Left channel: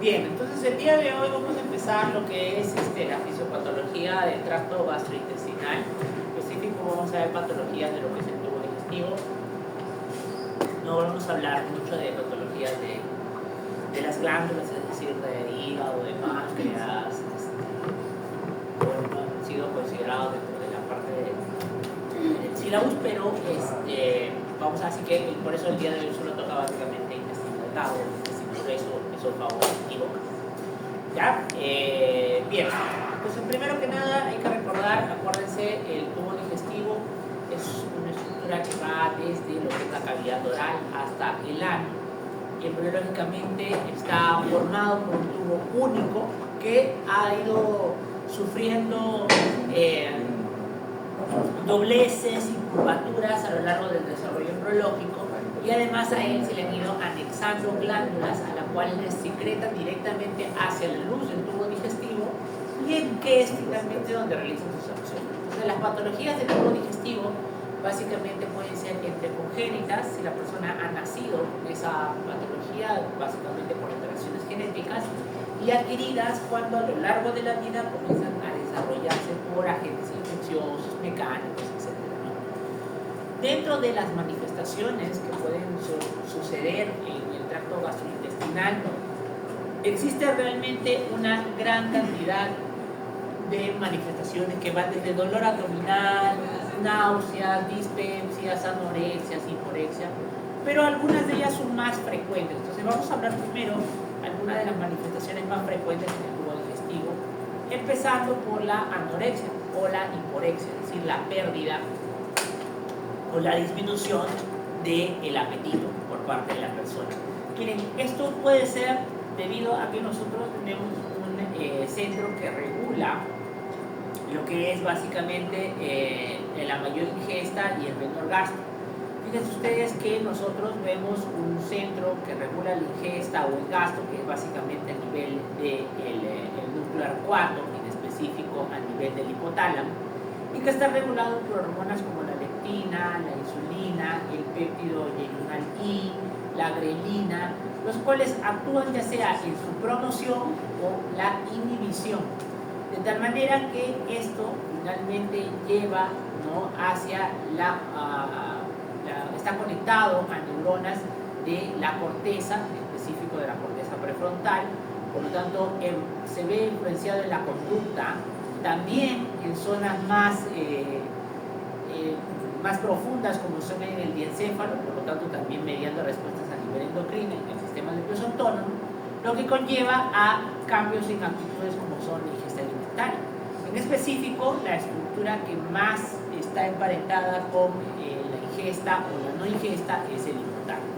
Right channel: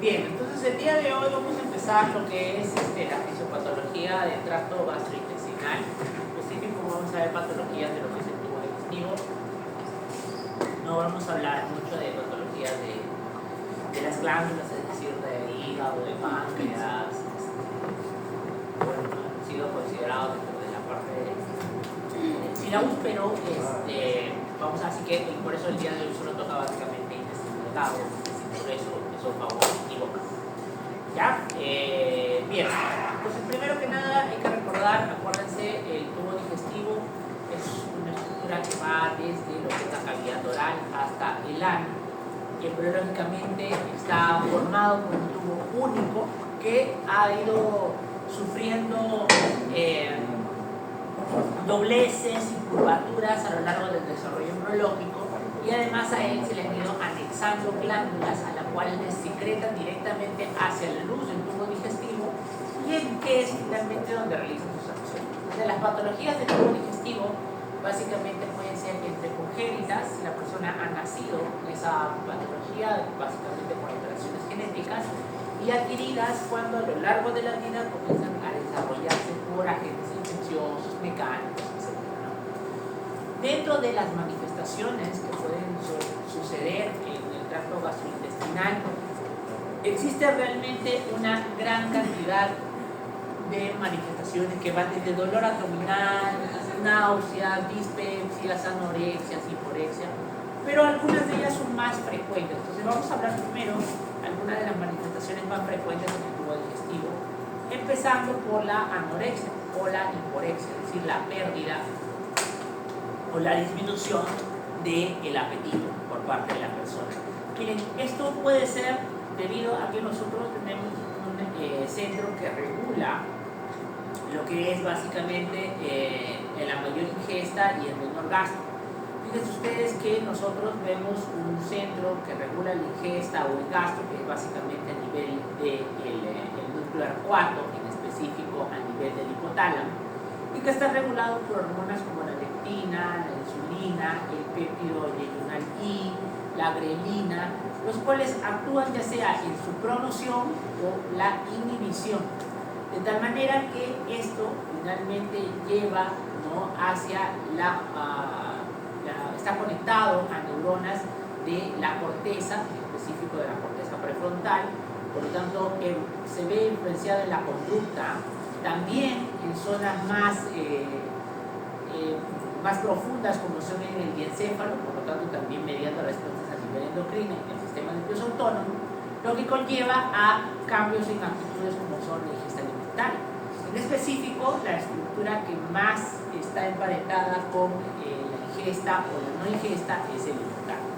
Bien, entonces el día de hoy vamos a empezar lo que es la fisiopatología del tracto gastrointestinal. En específico vamos a ver patologías de lo que es el tubo digestivo. No vamos a hablar mucho de patologías de las glándulas, es decir, de hígado, de páncreas, bueno, han sido considerados dentro de la parte del sílabus, pero vamos a decir que por eso el día de hoy solo toca básicamente intestino delgado, intestino grueso, esófago y boca. ¿Ya? Bien, entonces primero que nada hay que recordar, acuérdense, el tubo digestivo es una estructura que va desde lo que es la cavidad oral hasta el ano, y embriológicamente está formado por un tubo único que ha ido sufriendo dobleces y curvaturas a lo largo del desarrollo embriológico, y además a él se le han ido anexando glándulas a las cuales secretan directamente hacia la luz del tubo digestivo, y en que es finalmente donde realizan sus acciones. Entonces, las patologías del tubo digestivo básicamente pueden ser entre congénitas, si la persona ha nacido con esa patología, básicamente por alteraciones genéticas, y adquiridas cuando a lo largo de la vida comienzan a desarrollarse por agentes infecciosos, mecánicos, etc., ¿no? Dentro de las manifestaciones que pueden suceder en el tracto gastrointestinal, existe realmente una gran cantidad de manifestaciones que van desde dolor abdominal, náuseas, dispepsias, anorexias, hiporexia, pero algunas de ellas son más frecuentes. Entonces vamos a hablar primero algunas de las manifestaciones más frecuentes en el tubo digestivo, empezando por la anorexia o la hiporexia, es decir, la pérdida o la disminución del apetito por parte de la persona. Miren, esto puede ser debido a que nosotros tenemos un centro que regula lo que es básicamente la mayor ingesta y el menor gasto. Fíjense ustedes que nosotros vemos un centro que regula la ingesta o el gasto, que es básicamente a nivel del núcleo arcuato, en específico a nivel del hipotálamo, y que está regulado por hormonas como la leptina, la insulina, el péptido yeyunal I, la grelina, los cuales actúan ya sea en su promoción o la inhibición, de tal manera que esto finalmente lleva, ¿no?, hacia está conectado a neuronas de la corteza, en específico de la corteza prefrontal, por lo tanto se ve influenciado en la conducta, también en zonas más profundas como son en el diencéfalo, por lo tanto también mediante respuestas a nivel endocrino y el sistema nervioso autónomo, lo que conlleva a cambios en actitudes como son la ingesta alimentaria. En específico, la estructura que más está emparentada con la ingesta o la no ingesta es el hipotálamo.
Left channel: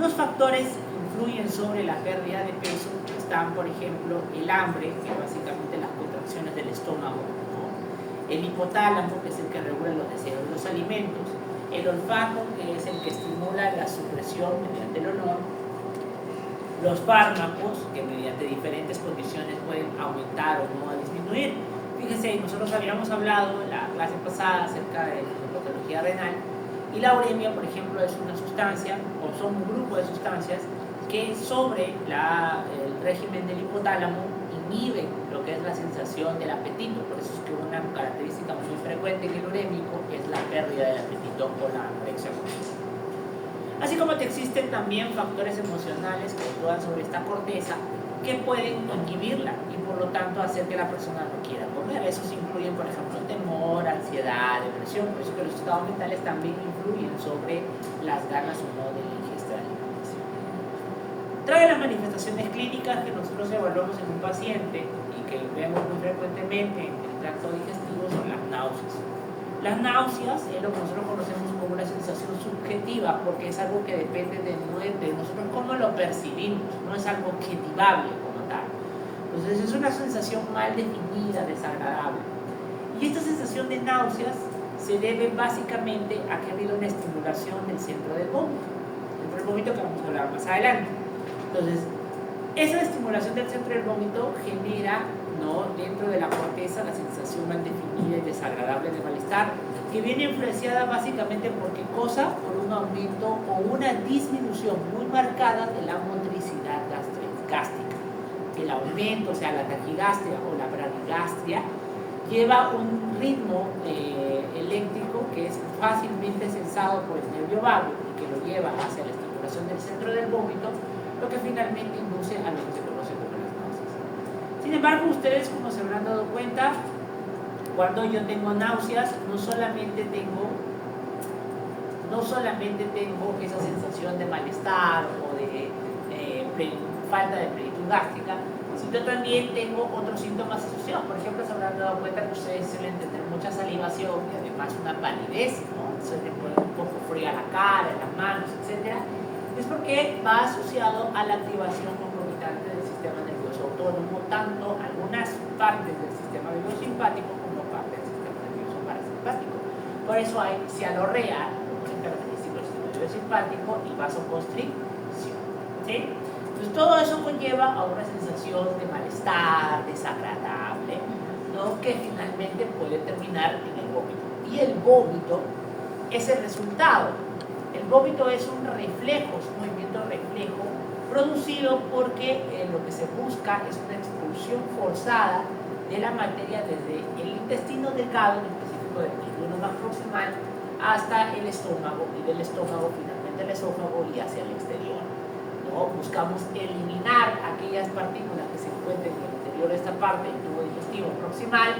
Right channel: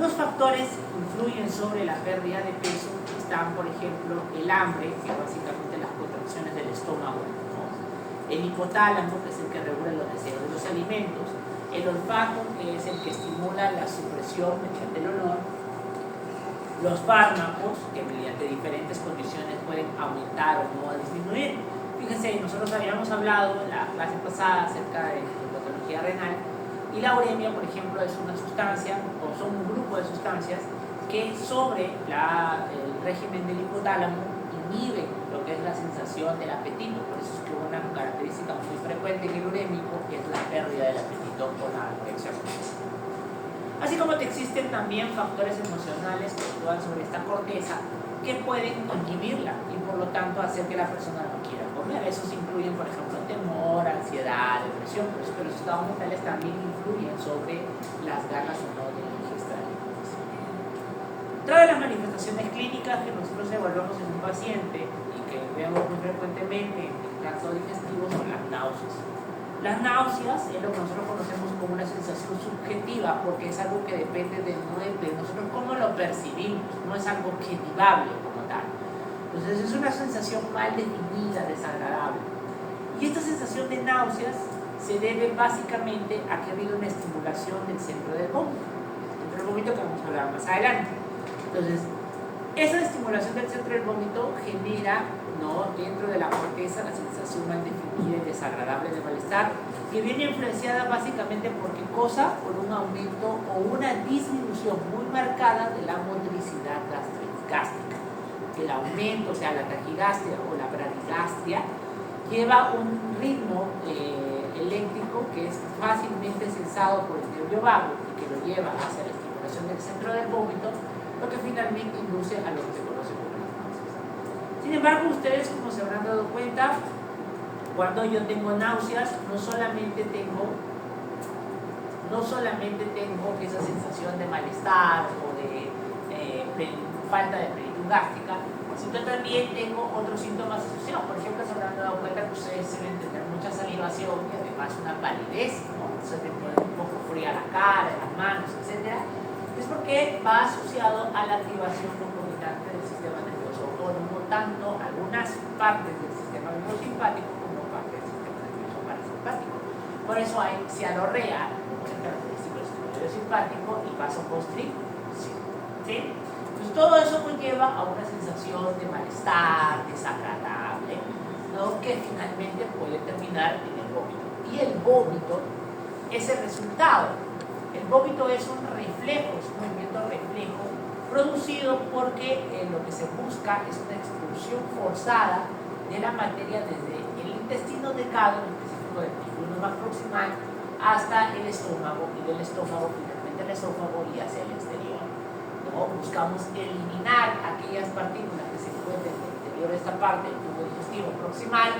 Los factores que influyen sobre la pérdida de peso están, por ejemplo, el hambre, que básicamente las contracciones del estómago, ¿no?, el hipotálamo, que es el que regula los deseos de los alimentos, el olfato, que es el que estimula la supresión mediante el olor, los fármacos, que mediante diferentes condiciones pueden aumentar o no disminuir. Fíjense, nosotros habíamos hablado en la clase pasada acerca de la patología renal, y la uremia, por ejemplo, es una sustancia, o son un grupo de sustancias que sobre el régimen del hipotálamo inhiben lo que es la sensación del apetito. Por eso es que una característica muy frecuente en el urémico es la pérdida del apetito con la anorexia. Así como que existen también factores emocionales que actúan sobre esta corteza que pueden inhibirla y por lo tanto hacer que la persona no quiera comer. Esos incluyen, por ejemplo, el temor, ansiedad, depresión. Por eso que los estados mentales también influyen sobre las ganas o no de la ingesta de alimentos. Otra de las manifestaciones clínicas que nosotros evaluamos en un paciente y que vemos muy frecuentemente en el tracto digestivo son las náuseas. Las náuseas es lo que nosotros conocemos como una sensación subjetiva, porque es algo que depende de nosotros cómo lo percibimos, no es algo objetivable como tal. Entonces es una sensación mal definida, desagradable. Y esta sensación de náuseas se debe básicamente a que ha habido una estimulación del centro del vómito. El centro del vómito que vamos a hablar más adelante. Entonces, esa estimulación del centro del vómito genera, ¿no?, dentro de la corteza la sensación mal definida y desagradable de malestar, que viene influenciada básicamente por qué cosa, por un aumento o una disminución muy marcada de la motricidad gástrica. El aumento, o sea, la taquigastria o la bradigastria, lleva un ritmo eléctrico que es fácilmente sensado por el nervio vago y que lo lleva hacia la estimulación del centro del vómito, lo que finalmente induce a lo que se conoce como las náuseas. Sin embargo, ustedes, como se habrán dado cuenta, cuando yo tengo náuseas, no solamente tengo esa sensación de malestar o de falta de plenitud gástrica, sino también tengo otros síntomas asociados. Por ejemplo, se habrán dado cuenta que ustedes suelen tener mucha salivación y además una palidez, ¿no? Se les pone un poco fría la cara, las manos, etc. Es porque va asociado a la activación concomitante del sistema nervioso autónomo, tanto algunas partes del sistema biosimpático como partes del sistema nervioso parasimpático. Por eso hay cialorrea, muy característico del sistema biosimpático, y vasoconstricción, ¿sí? Pues todo eso conlleva a una sensación de malestar desagradable, ¿no? Que finalmente puede terminar en el vómito. Y el vómito es el resultado. El vómito es un reflejo, es un movimiento reflejo producido porque lo que se busca es una expulsión forzada de la materia desde el intestino delgado, en específico del triángulo más proximal, hasta el estómago, y del estómago finalmente el esófago y hacia el exterior. ¿No? Buscamos eliminar aquellas partículas que se encuentran en el interior de esta parte del tubo digestivo proximal,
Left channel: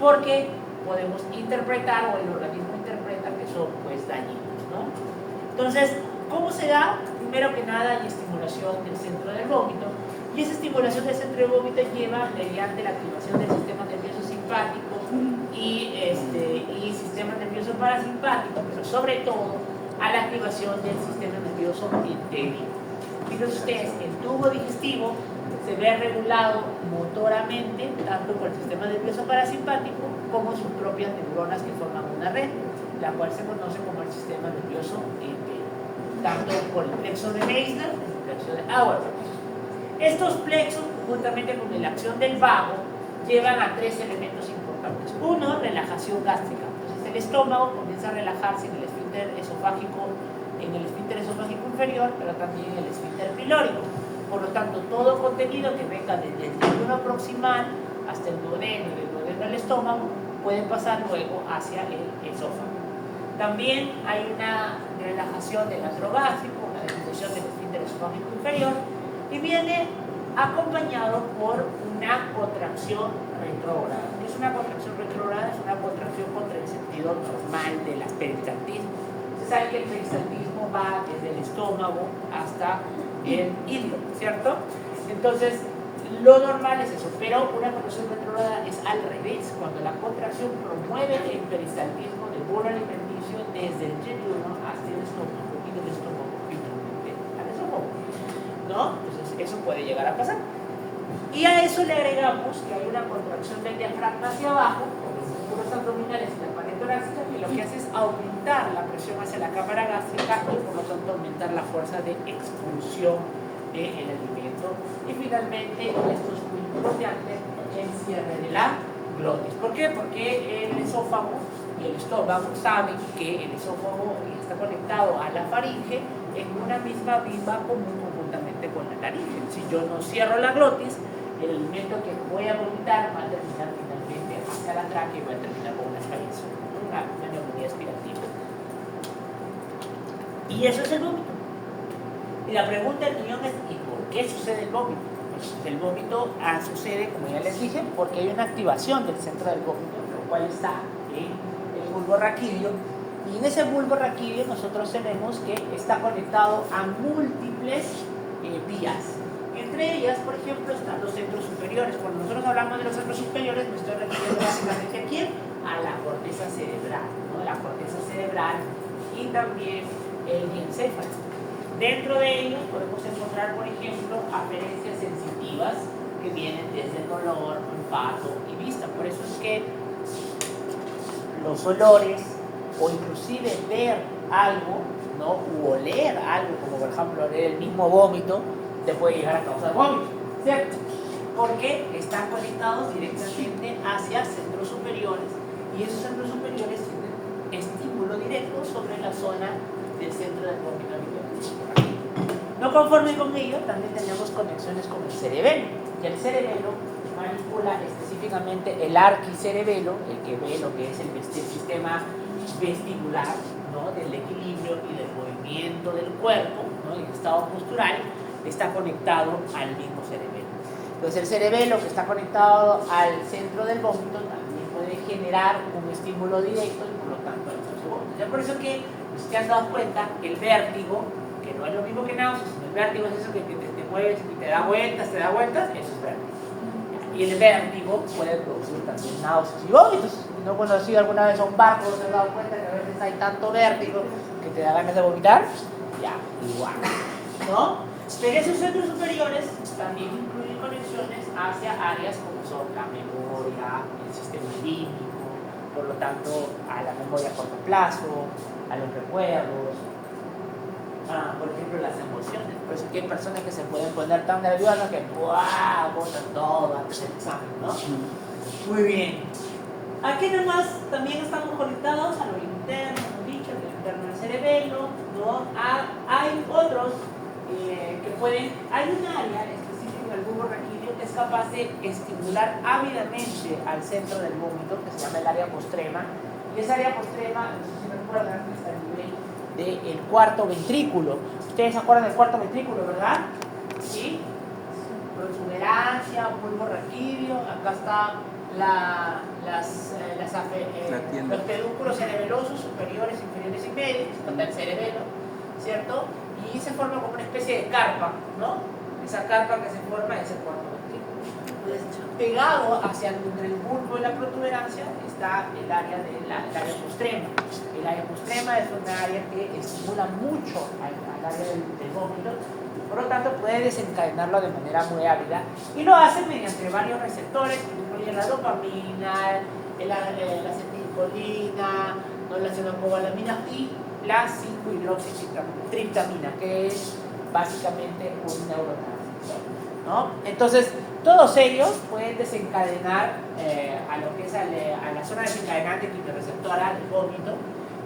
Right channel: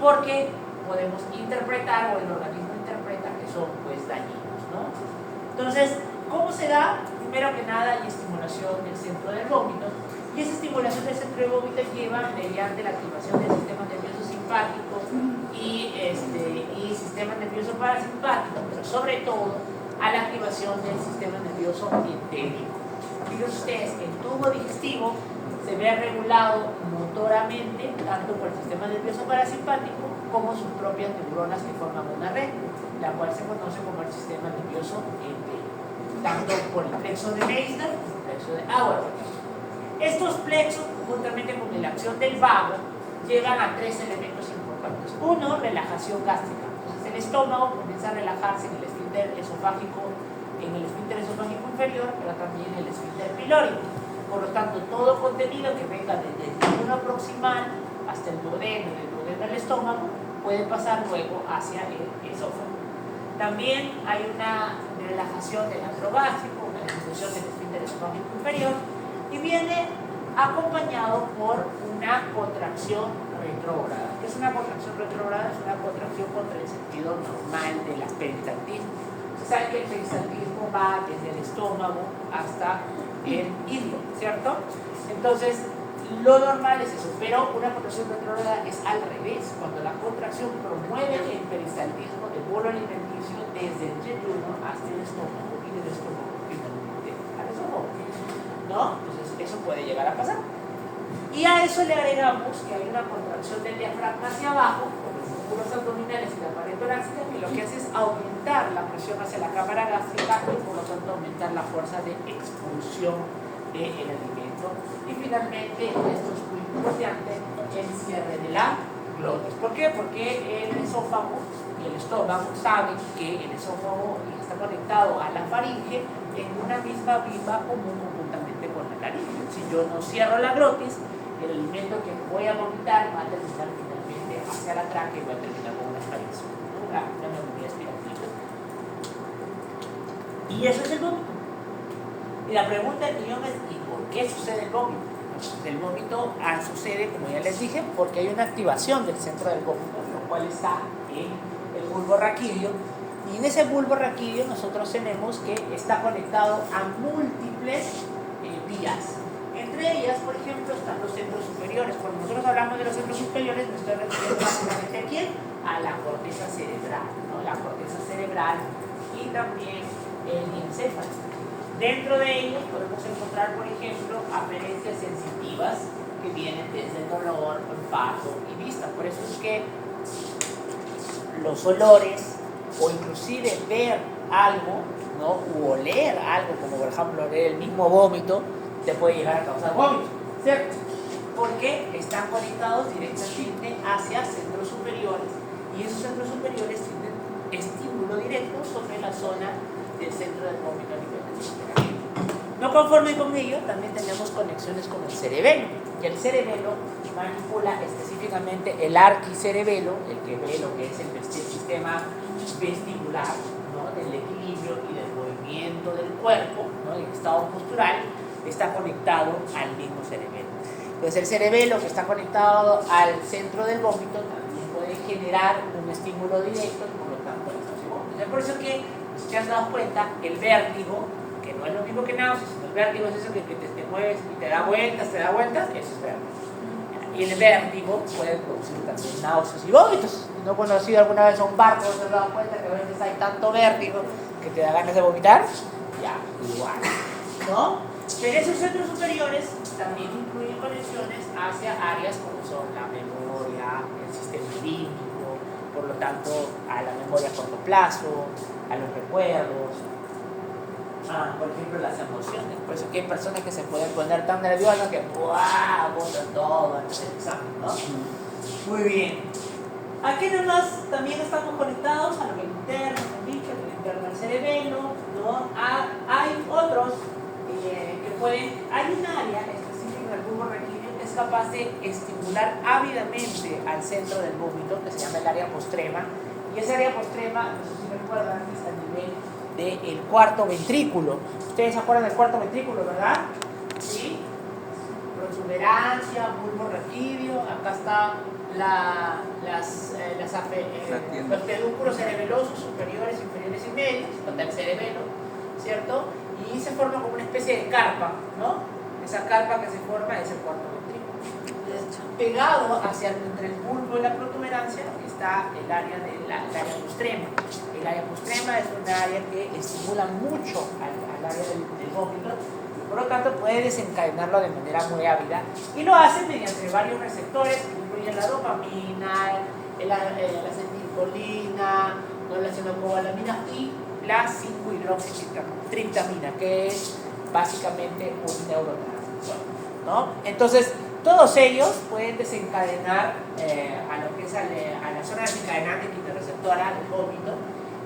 porque podemos interpretar, o el organismo interpreta, que son pues dañinos, ¿no? Entonces, ¿cómo se da? Primero que nada, hay estimulación del centro del vómito, y esa estimulación del centro del vómito lleva mediante la activación del sistema nervioso simpático y sistema nervioso parasimpático, pero sobre todo a la activación del sistema nervioso entérico. Fíjense ustedes, el tubo digestivo se ve regulado motoramente tanto por el sistema nervioso parasimpático como sus propias neuronas que forman una red, la cual se conoce como el sistema nervioso entérico, tanto por el plexo de Meissner como el plexo de Auerbach. Estos plexos, juntamente con la acción del vago, llevan a tres elementos importantes. Uno, relajación gástrica. Entonces el estómago comienza a relajarse en el esfínter esofágico inferior, pero también en el esfínter pilórico. Por lo tanto, todo contenido que venga desde el triángulo proximal hasta el duodeno, del duodeno al estómago, puede pasar luego hacia el esófago. También hay una relajación del antro gástrico, una disminución del esfínter esofágico inferior, y viene acompañado por una contracción retrógrada. ¿Qué es una contracción retrógrada? Es una contracción contra el sentido normal del peristaltismo. Se sabe que el peristaltismo va desde el estómago hasta el hígado, ¿cierto? Entonces, lo normal es eso, pero una contracción retrógrada es al revés, cuando la contracción promueve el peristaltismo del bolo alimenticio desde el yeyuno hasta el estómago y del estómago finalmente al esófago, ¿no? Entonces, eso puede llegar a pasar. Y a eso le agregamos que hay una contracción del diafragma hacia abajo, con los músculos abdominales y la pared torácica, que lo que hace es aumentar la presión hacia la cámara gástrica y por lo tanto aumentar la fuerza de expulsión del alimento. Y finalmente, esto es muy importante, el cierre de la glotis. ¿Por qué? Porque el esófago y el estómago saben que el esófago está conectado a la faringe en una misma vía común conjuntamente con la laringe. Si yo no cierro la glotis, el alimento que voy a vomitar va a terminar finalmente hacia la tráquea y va a terminar con una expiración, una neumonía aspirativa. Y eso es el vómito. Y la pregunta del millón es, ¿y por qué sucede el vómito? Pues el vómito sucede, como ya les dije, porque hay una activación del centro del vómito, lo cual está en el bulbo raquídeo. Y en ese bulbo raquídeo nosotros tenemos que está conectado a múltiples vías. Entre ellas, por ejemplo, están los centros superiores. Cuando nosotros hablamos de los centros superiores, me estoy refiriendo básicamente a quién? A la corteza cerebral, ¿no? La corteza cerebral y también el encéfalo. Dentro de ellos podemos encontrar, por ejemplo, aferencias sensitivas que vienen desde el dolor, olfato y vista. Por eso es que los olores, o inclusive ver algo, ¿no? U oler algo, como por ejemplo oler el mismo vómito, te puede llegar a causar vómito, ¿cierto? Porque están conectados directamente hacia centros superiores, y esos centros superiores tienen estímulo directo sobre la zona del centro del vómito a nivel del. No conforme con ello, también tenemos conexiones con el cerebelo, y el cerebelo manipula específicamente el arquicerebelo, el que ve lo que es el sistema vestibular, ¿no?, del equilibrio y del movimiento del cuerpo, ¿no?, el estado postural, está conectado al mismo cerebelo. Entonces el cerebelo que está conectado al centro del vómito también puede generar un estímulo directo y por lo tanto náuseas y vómitos. Es por eso que, si te has dado cuenta, el vértigo, que no es lo mismo que náuseas, sino el vértigo es eso que te mueves y te da vueltas, eso es vértigo. Y el vértigo puede producir también náuseas y vómitos. ¿No he conocido alguna vez un barco? ¿Te has dado cuenta que a veces hay tanto vértigo que te da ganas de vomitar? Ya, igual, ¿no? Pero esos centros superiores también incluyen conexiones hacia áreas como son la memoria, el sistema límbico, por lo tanto a la memoria a corto plazo, a los recuerdos, por ejemplo las emociones. Por eso que hay personas que se pueden poner tan nerviosas que ¡buah!, botan todo antes del examen, ¿no? Muy bien. Aquí nomás también estamos conectados a lo interno, como dicho, lo interno del cerebelo, ¿no? Hay otros que pueden, hay un área específica en el bulbo raquídeo que es capaz de estimular ávidamente al centro del vómito, que se llama el área postrema, y esa área postrema, no sé si recuerdan, está a nivel del cuarto ventrículo. Ustedes se acuerdan del cuarto ventrículo, ¿verdad? Sí. Protuberancia, bulbo raquídeo, acá está los pedúnculos cerebelosos superiores, inferiores y medios, está el cerebelo, ¿cierto? Y se forma como una especie de carpa, ¿no? Esa carpa que se forma es el cuarto ventrículo. Entonces, pegado hacia el bulbo y la protuberancia está el área área postrema. El área postrema es una área que estimula mucho al área del vómito, por lo tanto puede desencadenarlo de manera muy ávida, y lo hace mediante varios receptores que incluyen la dopamina, la acetilcolina, ¿no?, la fenocobalamina y la 5-hidroxitriptamina, que es básicamente un neurotransmisor, ¿no? Entonces, todos ellos pueden desencadenar a lo que es a la zona desencadenante quimioreceptora del vómito,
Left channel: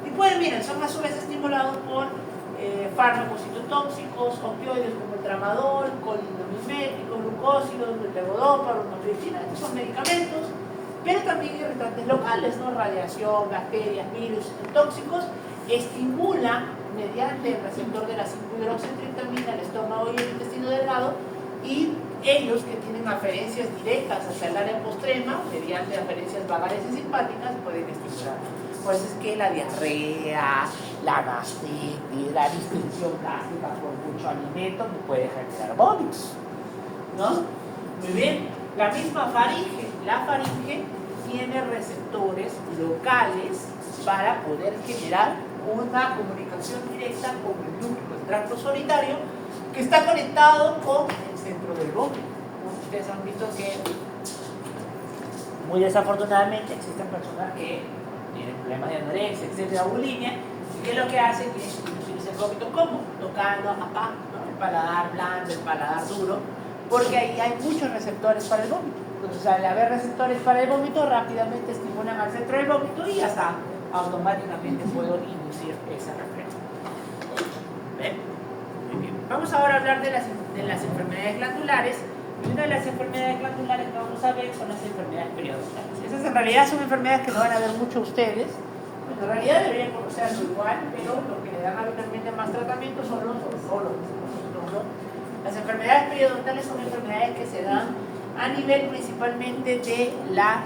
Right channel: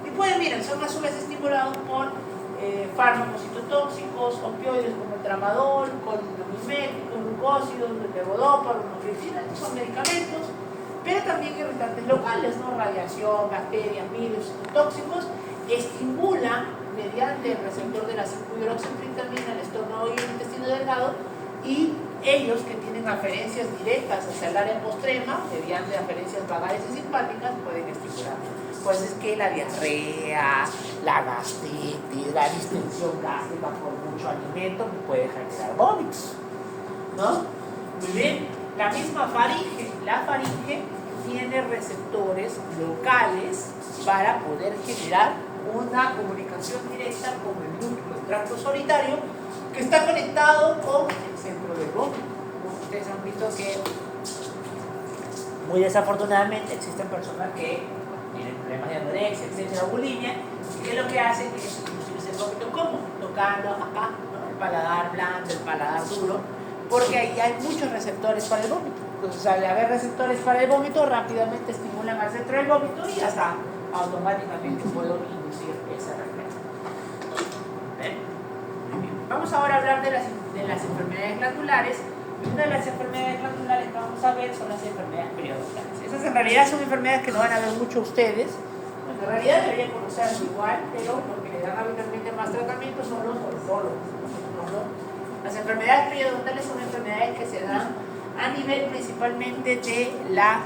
y pueden, miren, son a su vez estimulados por fármacos citotóxicos, opioides como el tramadol, colinamiméticos, glucósidos, levodopa, bromocriptina, estos son medicamentos, pero también irritantes locales, ¿no?, radiación, bacterias, virus, tóxicos, estimulan mediante el receptor de la 5-hidroxitriptamina el estómago y el intestino delgado, y ellos que tienen aferencias directas hacia el área postrema, mediante aferencias vagales y simpáticas, pueden estimular. Pues es que la diarrea, la gastritis, la distensión gástrica por mucho alimento puede generar vómitos, ¿no? Muy bien. La misma faringe, la faringe tiene receptores locales para poder generar una comunicación directa con el núcleo del tracto solitario, que está conectado con el centro del vómito, ¿no? Ustedes han visto que muy desafortunadamente existen personas que tienen problemas de anorexia, etcétera, bulimia, y que lo que hacen es introducirse el vómito como tocando acá, ¿no?, el paladar blando, el paladar duro, porque ahí hay muchos receptores para el vómito. Entonces, al haber receptores para el vómito, rápidamente estimulan al centro del vómito y hasta automáticamente puedo inducir esa reflexión. ¿Ven? Muy bien. Vamos ahora a hablar de las enfermedades glandulares. Y una de las enfermedades glandulares que vamos a ver son las enfermedades periodontales. Esas en realidad son enfermedades que no van a ver mucho ustedes. Pues en realidad deberían conocerlo igual, pero lo que le dan habitualmente más tratamiento son los odontólogos, ¿no? Las enfermedades periodontales son enfermedades que se dan a nivel principalmente de la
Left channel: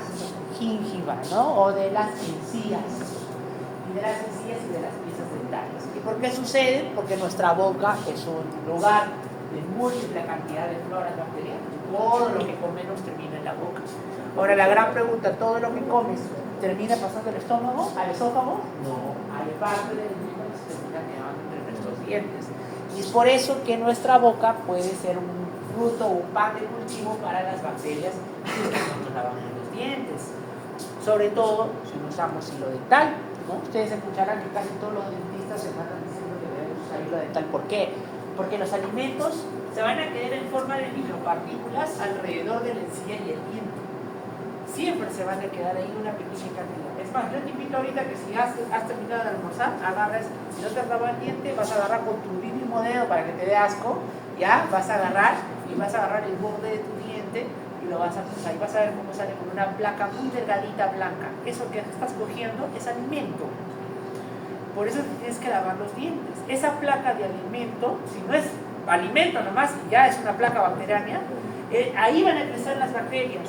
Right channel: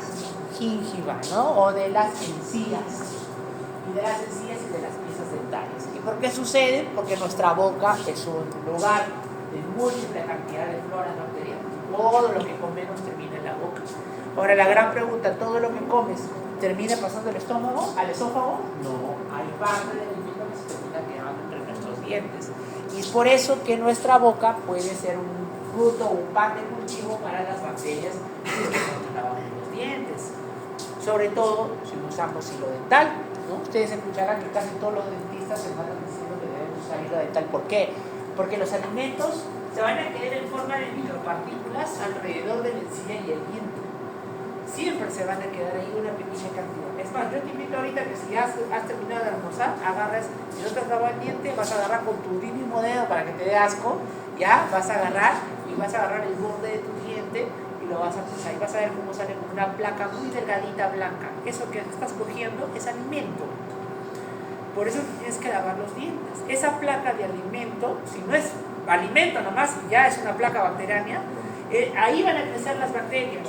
gingiva, ¿no?, o de las encías, y de las encías y de las piezas dentales. ¿Y por qué sucede? Porque nuestra boca es un lugar de múltiple cantidad de floras bacterianas. Todo lo que comemos termina en la boca. Ahora la gran pregunta, ¿todo lo que comes termina pasando al estómago, al esófago? No, hay parte del alimento que se termina quedando entre nuestros dientes. Y es por eso que nuestra boca puede ser un fruto o un pan de cultivo para las bacterias si es que no nos lavamos los dientes. Sobre todo si usamos hilo dental, ¿no? Ustedes escucharán que casi todos los dentistas se van diciendo que debemos usar hilo dental. ¿Por qué? Porque los alimentos se van a quedar en forma de micropartículas alrededor de la encía y el diente. siempre se van a quedar ahí una pequeña cantidad. Es más, yo te invito ahorita que si has terminado de almorzar, agarras, si no te has lavado el diente, vas a agarrar con tu mínimo dedo para que te dé asco, ya, vas a agarrar y vas a agarrar el borde de tu diente y lo vas a cruzar y vas a ver cómo sale con una placa muy delgadita blanca. Eso que estás cogiendo es alimento. Por eso tienes que lavar los dientes. Esa placa de alimento, si no es alimento nomás, ya es una placa bacteriana, ahí van a crecer las bacterias.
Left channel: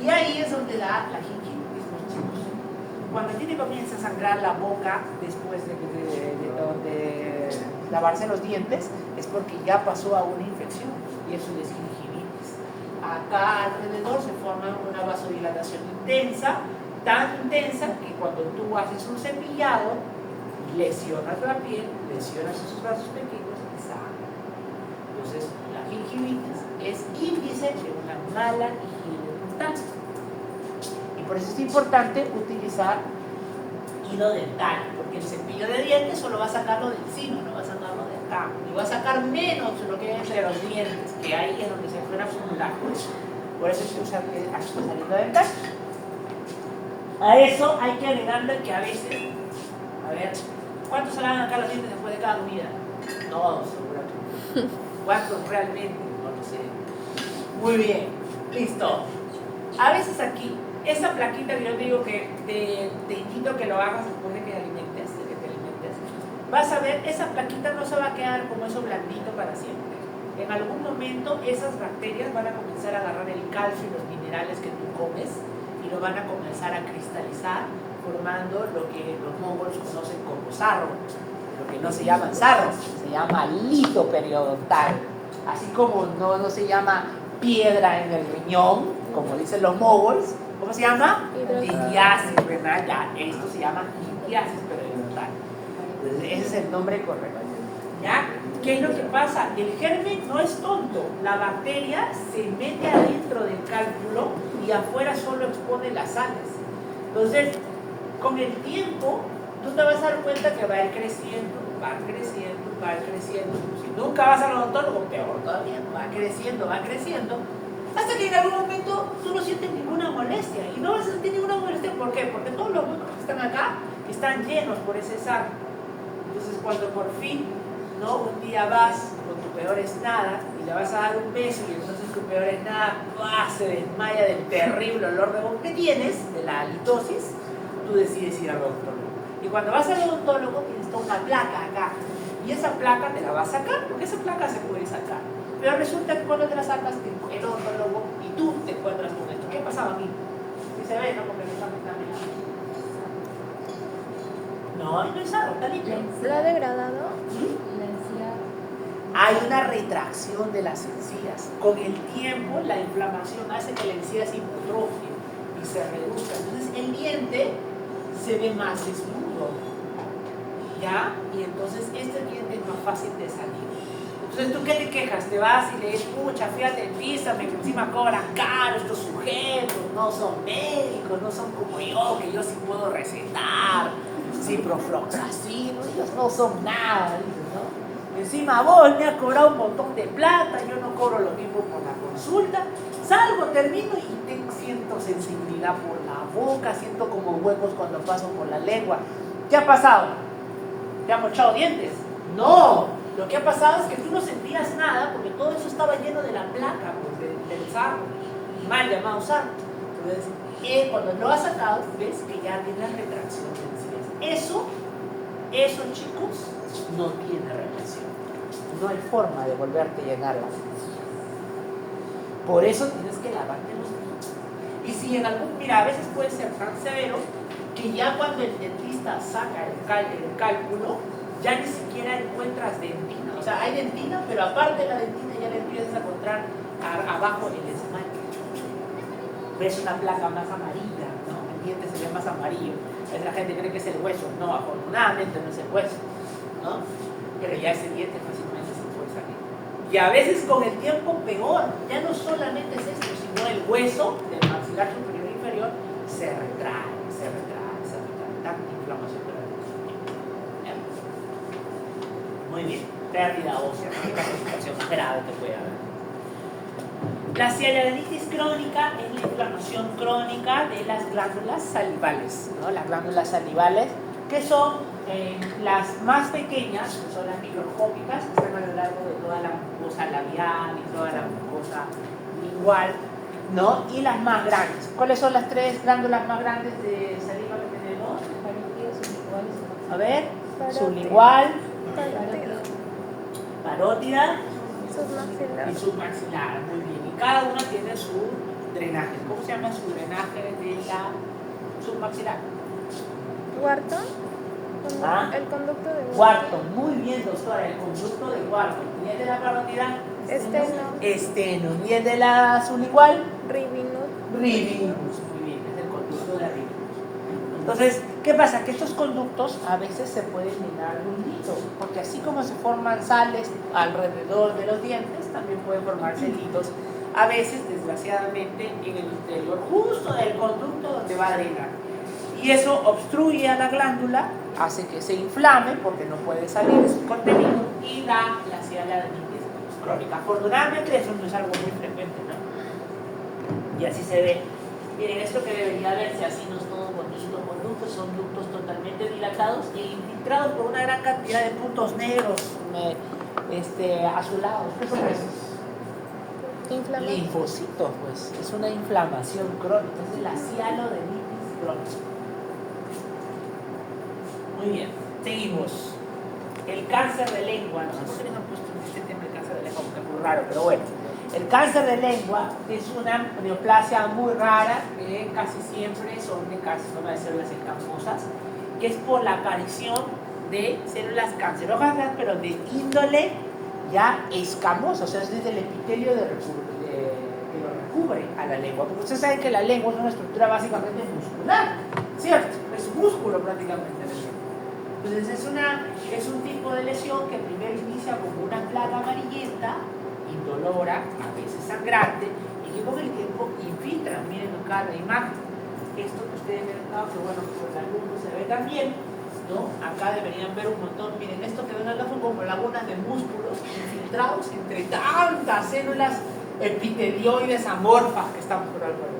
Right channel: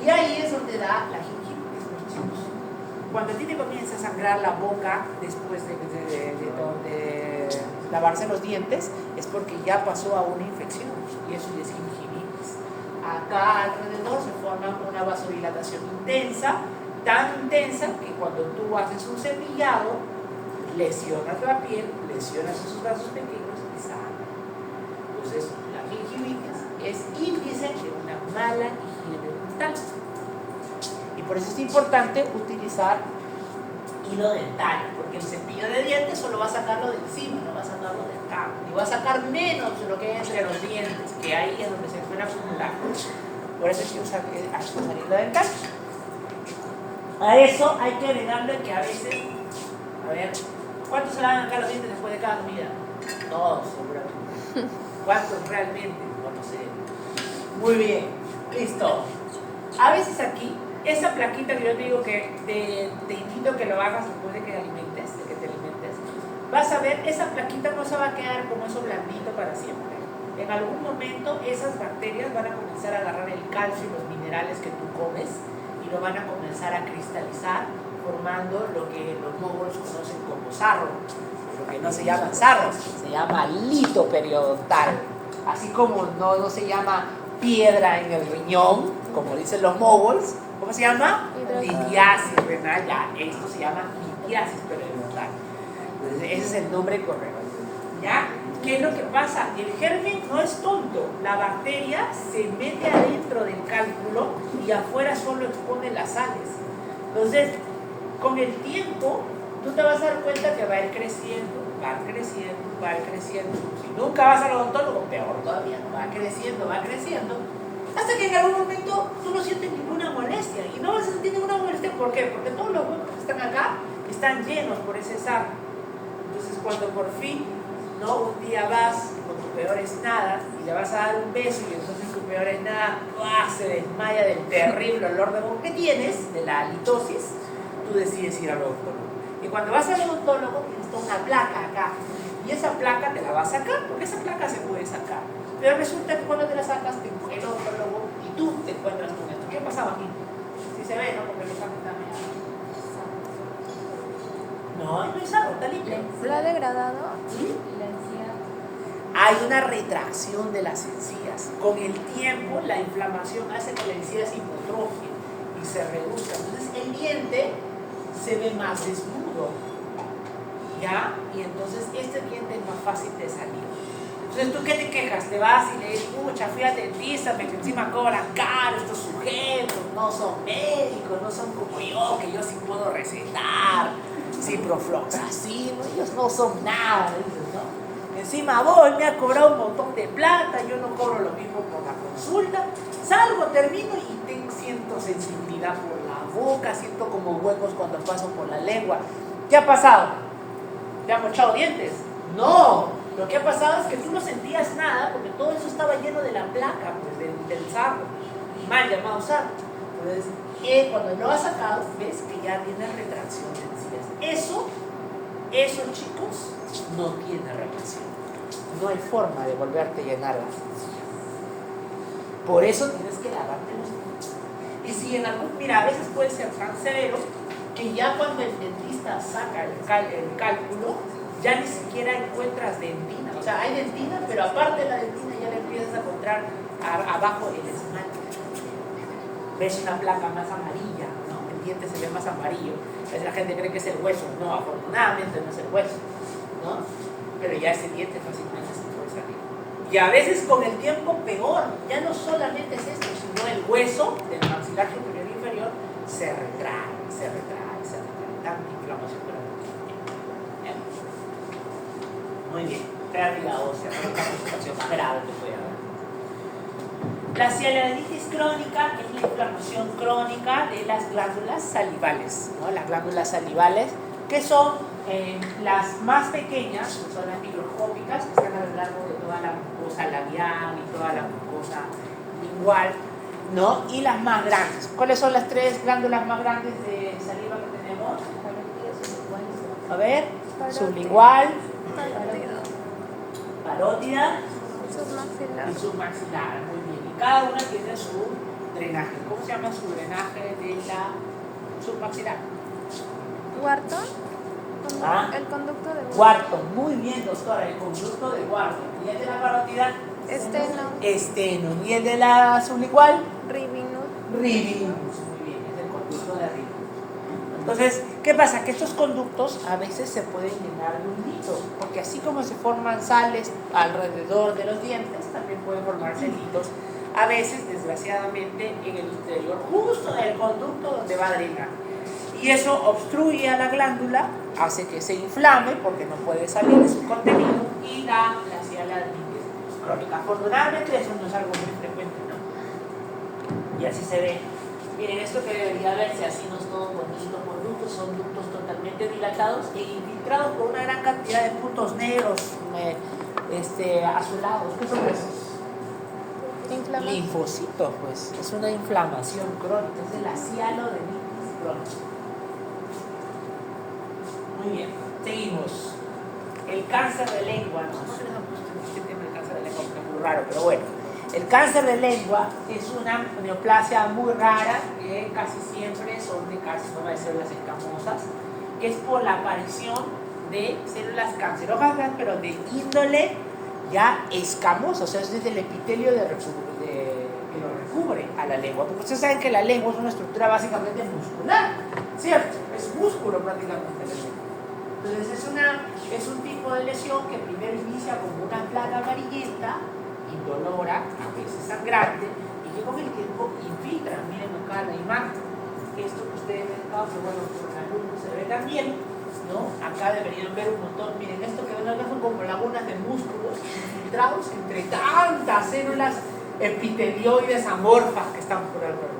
Y ahí es donde da la gingivitis, muchachos. Cuando a ti te comienza a sangrar la boca después de lavarse los dientes, es porque ya pasó a una infección y eso es gingivitis. Acá alrededor se forma una vasodilatación intensa, tan intensa que cuando tú haces un cepillado, lesionas la piel, lesionas esos vasos pequeños y sangra. Entonces, la gingivitis es índice de una mala higiene dental. Y por eso es importante utilizar hilo dental, porque el cepillo de dientes solo va a sacarlo de encima, no va a sacarlo de acá. Y va a sacar menos de lo que hay entre los dientes, que ahí es donde se suele acumular. Por eso es que usar hilo dental. A eso hay que agregarle que a veces, a ver, ¿cuántos se lavan acá los dientes después de cada comida? Todos, seguramente. ¿Cuántos realmente? No lo sé. Muy bien, listo. A veces aquí, esa plaquita que yo te digo que te invito que lo hagas después de que te alimentes, vas a ver, esa plaquita no se va a quedar como eso blandito para siempre. En algún momento esas bacterias van a comenzar a agarrar el calcio y los minerales que tú comes y lo van a comenzar a cristalizar, formando lo que los mongols conocen como sarro, lo que no se llama sarro, se llama lito periodontal, así como no se llama piedra en el riñón, como dicen los mongols. ¿Cómo se llama? Litiasis, ¿verdad? Ya, esto se llama litiasis periodontal. Ese es el nombre correcto. ¿Ya? ¿Qué es lo que pasa? El germen no es tonto. La bacteria se mete adentro del cálculo y afuera solo expone las sales. Entonces, con el tiempo, tú te vas a dar cuenta que va a ir creciendo, va a ir creciendo, va a ir creciendo. Si nunca vas al odontólogo, peor todavía, va creciendo, hasta que en algún momento tú no sientes ninguna molestia. Y no vas a sentir ninguna molestia, ¿por qué? Porque todos los huecos que están acá están llenos por ese sarro. Entonces, cuando por fin, ¿no? Un día vas con tu peor es nada y le vas a dar un beso y entonces tu peor es nada se desmaya del terrible olor de boca que tienes, de la halitosis, tú decides ir al odontólogo. Y cuando vas al odontólogo tienes toda una placa acá y esa placa te la va a sacar porque esa placa se puede sacar. Pero resulta que cuando te la sacas, te coge el odontólogo y tú te encuentras con esto. ¿Qué ha pasado aquí? Si se ve, ¿no? Porque los ojos están no es pesado, está limpio. ¿Lo ha degradado? ¿Sí? Hay una retracción de las encías. Con el tiempo, la inflamación hace que la encía se hipertrofie y se reduzca. Entonces, el diente se ve más desnudo. ¿Ya? Y entonces, este diente es más fácil de salir. Entonces, ¿tú qué te quejas? Te vas y le dices, pucha, fui al dentista, que encima cobran caro, estos sujetos no son médicos, no son como yo, que yo sí puedo recetar, ciprofloxacin, ellos no son nada, dices, ¿no? Encima vos me has cobrado un montón de plata, yo no cobro lo mismo por la consulta, salgo, termino y siento sensibilidad por la boca, siento como huecos cuando paso por la lengua. ¿Qué ha pasado? ¿Te han mochado dientes? No. Lo que ha pasado es que tú no sentías nada porque todo eso estaba lleno de la placa, pues, del sarro, mal llamado sarro. Entonces, cuando lo has sacado, ves que ya tienes retracción de encías. Eso, chicos, no tiene reacción. No hay forma de volverte a llenar las encías. Por eso tienes que lavarte los dientes. Y si en algún, mira, a veces puede ser tan severo que ya cuando el dentista saca el cálculo, ya ni siquiera encuentras dentina. O sea, hay dentina, pero aparte de la dentina ya le empiezas a encontrar abajo el esmalte. Ves una placa más amarilla, ¿no? El diente se ve más amarillo. A veces la gente cree que es el hueso. No, afortunadamente no es el hueso, ¿no? Pero ya ese diente fácilmente se puede salir. Y a veces con el tiempo peor. Ya no solamente es esto, sino el hueso del maxilar superior e inferior se retrae. Tanta inflamación por ahí. Muy bien, pérdida ósea, ¿no? Una situación más grave que puede haber. La sialidinitis crónica es la inflamación crónica de las glándulas salivales, ¿no? Las glándulas salivales, que son las más pequeñas, que son las microscópicas, que están a lo largo de toda la mucosa labial y toda la mucosa lingual, ¿no? Y las más grandes. ¿Cuáles son las tres glándulas más grandes de saliva que tenemos? A ver, sublingual, parótida y submaxilar. Muy bien. Y cada una tiene su drenaje. ¿Cómo se llama su drenaje de la submaxilar? Wharton. ¿Ah? El conducto de Wharton. Wharton. Muy bien, doctora. El conducto de Wharton. ¿Y el de la parótida? Esteno. ¿Y el de la sublingual? Rivinus. Rivinus. Muy bien, es el conducto de Rivinus. Entonces, ¿qué pasa? Que estos conductos a veces se pueden llenar de un hilo, porque así como se forman sales alrededor de los dientes, también pueden formarse hilos, a veces, desgraciadamente, en el interior justo del conducto donde va a drenar. Y eso obstruye a la glándula, hace que se inflame porque no puede salir su contenido y da la sialidinitis crónica. Afortunadamente eso no es algo muy frecuente, ¿no? Y así se ve. Miren, esto que debería verse así, no es todo bonito, conductos, son ductos totalmente dilatados e infiltrados por una gran cantidad de puntos negros, azulados. ¿Qué son esos? Linfocitos, pues. Es una inflamación crónica, es de la sialidinitis crónica. Muy bien, seguimos. El cáncer de lengua. Nosotros hemos puesto este tema del cáncer de lengua porque es muy raro, pero bueno. El cáncer de lengua es una neoplasia muy rara que casi siempre son de carcinoma de células escamosas, que es por la aparición de células cancerógenas, pero de índole ya escamosa, o sea, es desde el epitelio que lo recubre a la lengua. Porque ustedes saben que la lengua es una estructura básicamente muscular, ¿cierto? Es músculo prácticamente la lengua. Entonces es un tipo de lesión que primero inicia como una plaga amarillenta, indolora, a veces sangrante, y que con el tiempo infiltra. Miren acá la imagen. Esto que ustedes ven acá, que bueno, con la luz no se ve tan bien, ¿no? Acá deberían ver un montón. Miren, esto que ven acá son como lagunas de músculos infiltrados entre tantas células epitelioides amorfas que están por alrededor.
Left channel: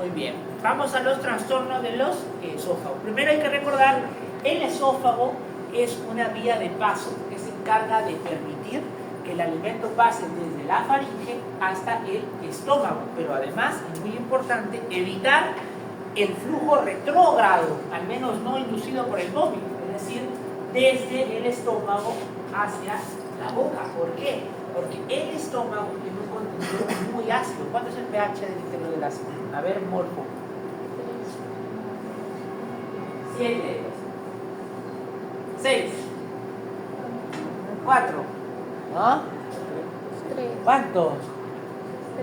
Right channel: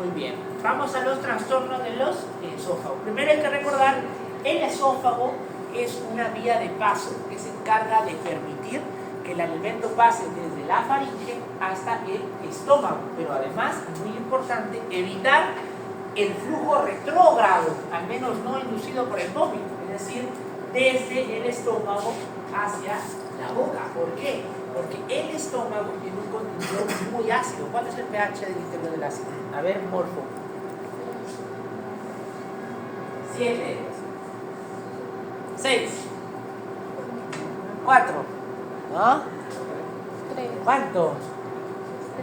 Muy bien. Vamos a los trastornos de los esófagos. Primero hay que recordar, el esófago es una vía de paso que se encarga de permitir que el alimento pase desde la faringe hasta el estómago, pero además, es muy importante, evitar el flujo retrógrado, al menos no inducido por el vómito, es decir, desde el estómago hacia la boca. ¿Por qué? Porque el estómago tiene un contenido muy ácido. ¿Cuánto es el pH del interior del ácido? A ver, Morfo. 7, 6, 4, ¿ah? 3. ¿Cuánto?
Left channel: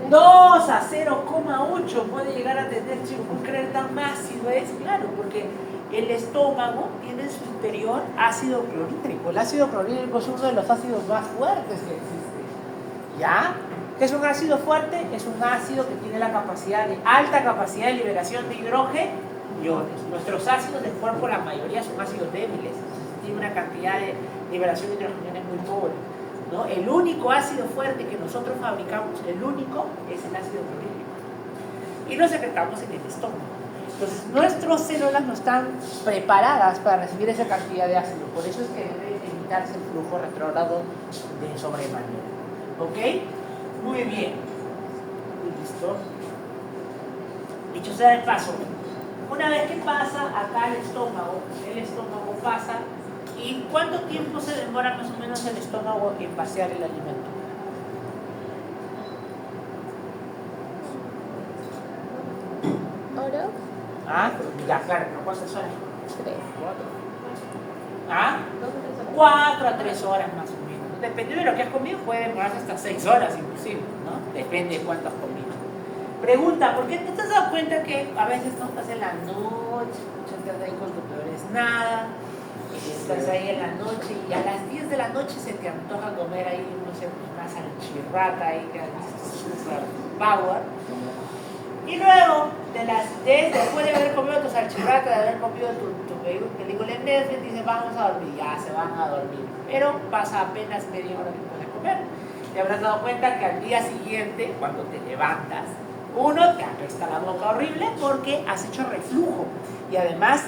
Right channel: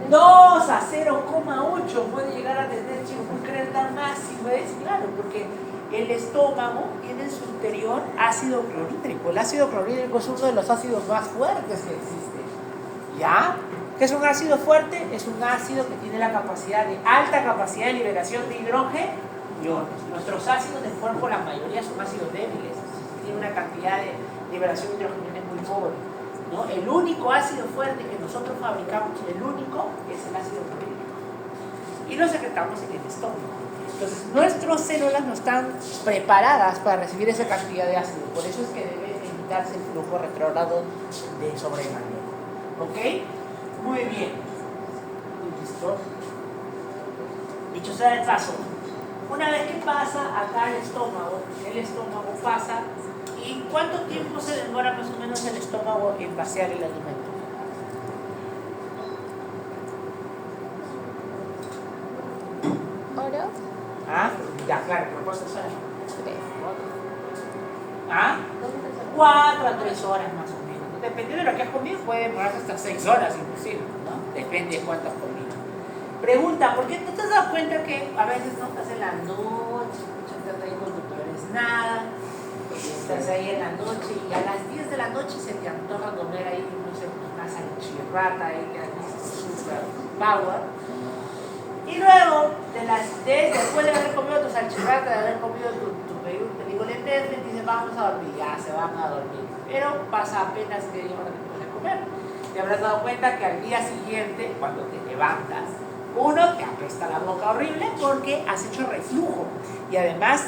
2 a 0,8 puede llegar a tener, chicos, ¿pueden creer tan máximo? Es claro, porque el estómago tiene en su interior ácido clorhídrico. El ácido clorhídrico es uno de los ácidos más fuertes que existe. ¿Ya? ¿Qué es un ácido fuerte? Es un ácido que tiene la capacidad de alta capacidad de liberación de hidrógeno. Nuestros ácidos del cuerpo, la mayoría son ácidos débiles, tiene una cantidad de liberación de hidrógeno muy pobre, ¿no? El único ácido fuerte que nosotros fabricamos, el único, es el ácido clorhídrico. Y lo secretamos en el estómago. Entonces, nuestras células no están preparadas para recibir esa cantidad de ácido. Por eso es que debe evitarse el flujo retrógrado de sobremanera. ¿Ok? Muy bien. ¿Listo? Dicho sea de paso, una vez que pasa acá el estómago pasa. ¿Y cuánto tiempo se demora más o menos el estómago en vaciar el alimento? ¿Oro? ¿Ah? Ya, claro, pero ¿cuántas horas? 3. ¿Ah? 4 a 3 horas más o menos. Dependiendo de lo que has comido, puede demorarse hasta 6 horas inclusive, ¿no? Depende de cuánto has comido. Pregunta, ¿por qué te has dado cuenta que a veces no estás en la noche, estás ahí cuando tú eres nada, estás ahí en la noche y a las 10 de la noche se te antoja comer ahí, no sé, una salchirrata ahí que has visto super power? Y luego, después de haber comido tu salchirrata, de haber comido tu película en Netflix, dices, vamos a dormir, ya se van a dormir. Pero pasa apenas media hora que puedes comer. comer. Te habrás dado cuenta que al día siguiente, cuando te levantas, uno, te apesta la boca horrible porque has hecho reflujo. Y además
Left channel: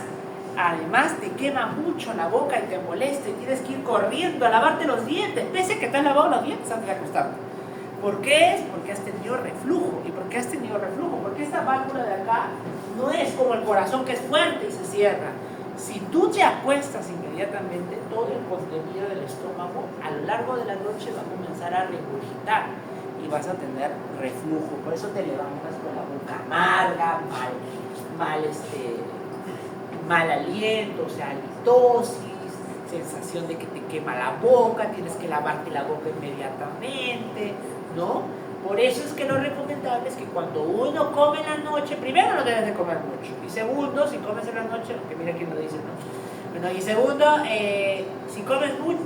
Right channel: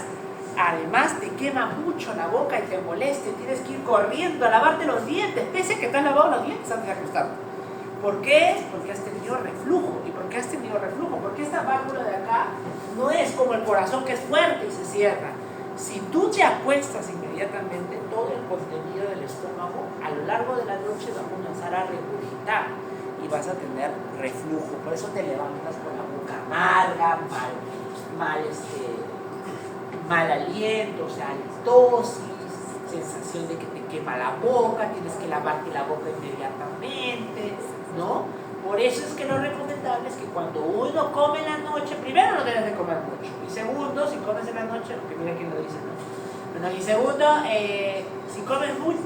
te quema mucho la boca y te molesta y tienes que ir corriendo a lavarte los dientes, pese a que te has lavado los dientes antes de acostarte. ¿Por qué? Porque has tenido reflujo. ¿Y por qué has tenido reflujo? Porque esta válvula de acá no es como el corazón, que es fuerte y se cierra. Si tú te acuestas inmediatamente, todo el contenido del estómago a lo largo de la noche va a comenzar a regurgitar y vas a tener reflujo. Por eso te levantas con la boca amarga, mal aliento, o sea, halitosis, sensación de que te quema la boca, tienes que lavarte la boca inmediatamente, ¿no? Por eso es que lo recomendable es que cuando uno come en la noche, primero no debes de comer mucho, y segundo, si comes en la noche, que mira quién lo dice, ¿no? Bueno, y segundo,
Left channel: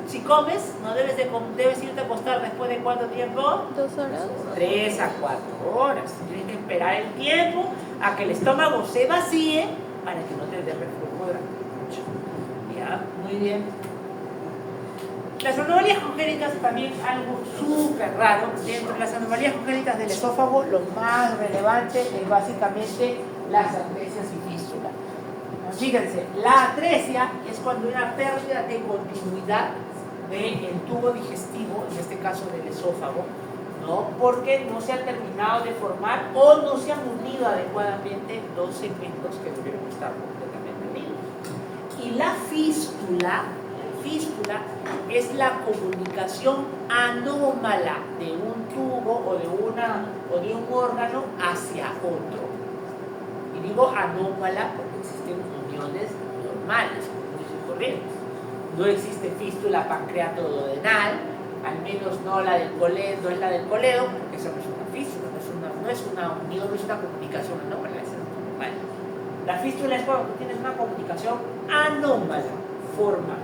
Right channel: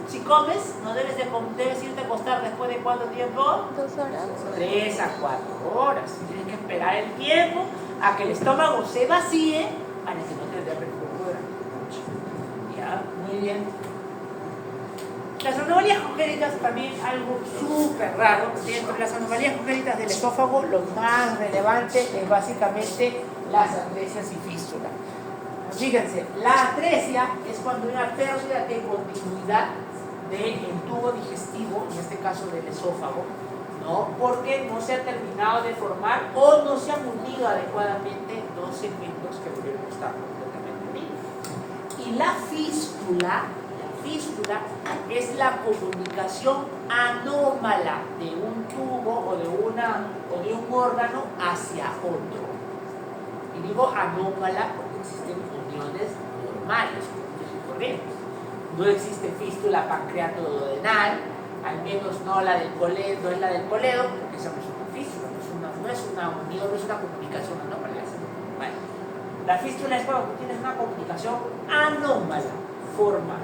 si comes, no debes irte a acostar después de ¿cuánto tiempo? 2 horas. 3 a 4 horas. Tienes que esperar el tiempo a que el estómago se vacíe para que no te dé reflujo durante la noche. ¿Ya? Muy bien. Las anomalías congénitas también algo súper raro. Dentro de las anomalías congénitas del esófago, lo más relevante es básicamente las atresias y fístulas. Fíjense, la atresia es cuando hay una pérdida de continuidad del tubo digestivo, en este caso del esófago, ¿no? Porque no se ha terminado de formar o no se han unido adecuadamente dos segmentos que debieron estar completamente unidos. Y la fístula es la comunicación anómala de un tubo o de un órgano hacia otro. Y digo anómala porque existen uniones normales, uniones corrientes. No existe fístula pancreato-duodenal, al menos no la del coledo, no es la del coledo, porque esa no es una fístula, no es una unión, no es una comunicación anómala, es normal. La fístula es cuando tienes una comunicación anómala, formal.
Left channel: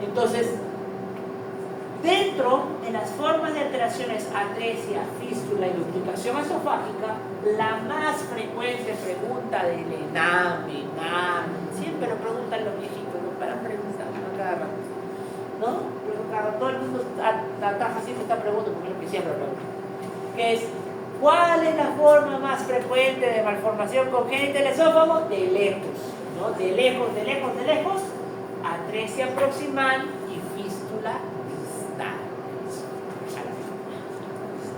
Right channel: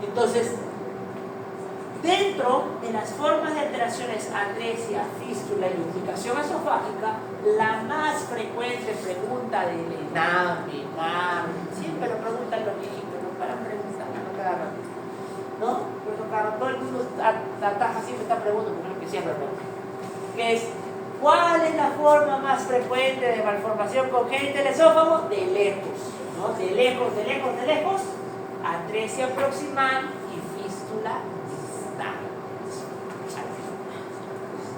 Entonces, dentro de las formas de alteraciones, atresia, fístula y lubricación esofágica, la más frecuente pregunta del ENAM, siempre lo preguntan los viejitos, ¿no? Para preguntar, ¿no? Pero claro, todo el mundo ataja siempre esta pregunta, porque es lo que siempre pregunta, que es, ¿cuál es la forma más frecuente de malformación congénita del esófago? De lejos, ¿no? De lejos, atresia proximal y fístula distal.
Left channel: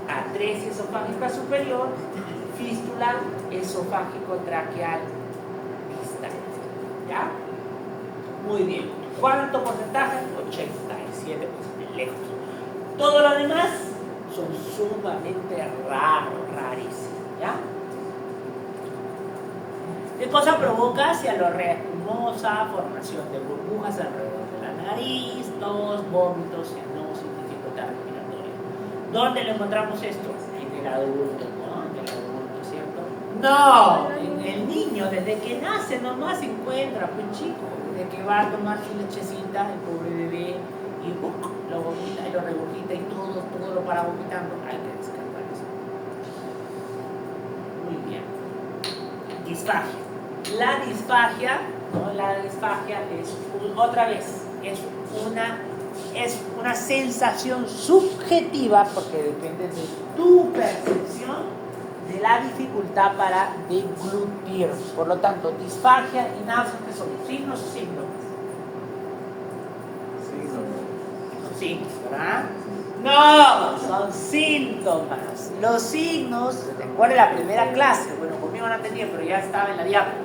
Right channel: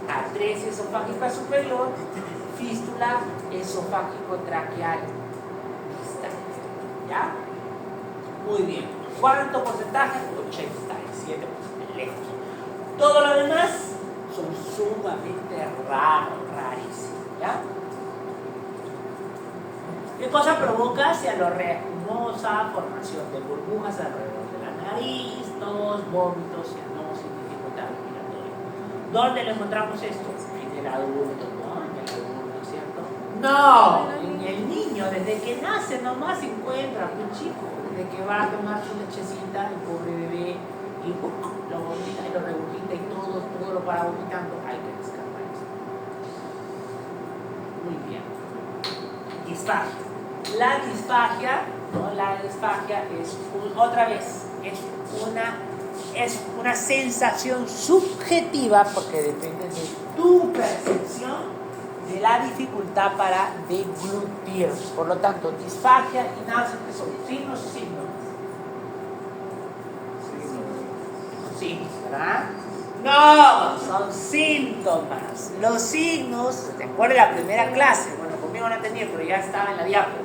Atresia esofágica superior, fístula esofágico-traqueal distal. ¿Ya? Muy bien. ¿Cuánto porcentaje? 87% lejos. Todo lo demás son sumamente rarísimos. ¿Ya? ¿Qué cosa provoca? Cianoreacumosa, formación de burbujas alrededor de la nariz, tos, vómitos, cianosis, dificultad respiratoria. ¿Dónde lo encontramos esto? En el adulto, ¿no? En el adulto, ¿cierto? No, en el niño, desde que nace nomás se encuentra un chico, desde que va a tomar su lechecita, el pobre bebé, y lo vomita y lo regurgita y todo lo para vomitando. Hay que descartar eso. Muy bien. Disfagia. La disfagia, ¿no? La disfagia es una sensación subjetiva, porque depende de tu percepción de la dificultad para deglutir. Por lo tanto, disfagia y náuseas, ¿qué son? ¿Signos o síntomas? Son signos, ¿verdad? No, son síntomas. Los signos, ¿te acuerdas de la primera clase? Bueno, conmigo no tenía, pero ya estaba en la diapo.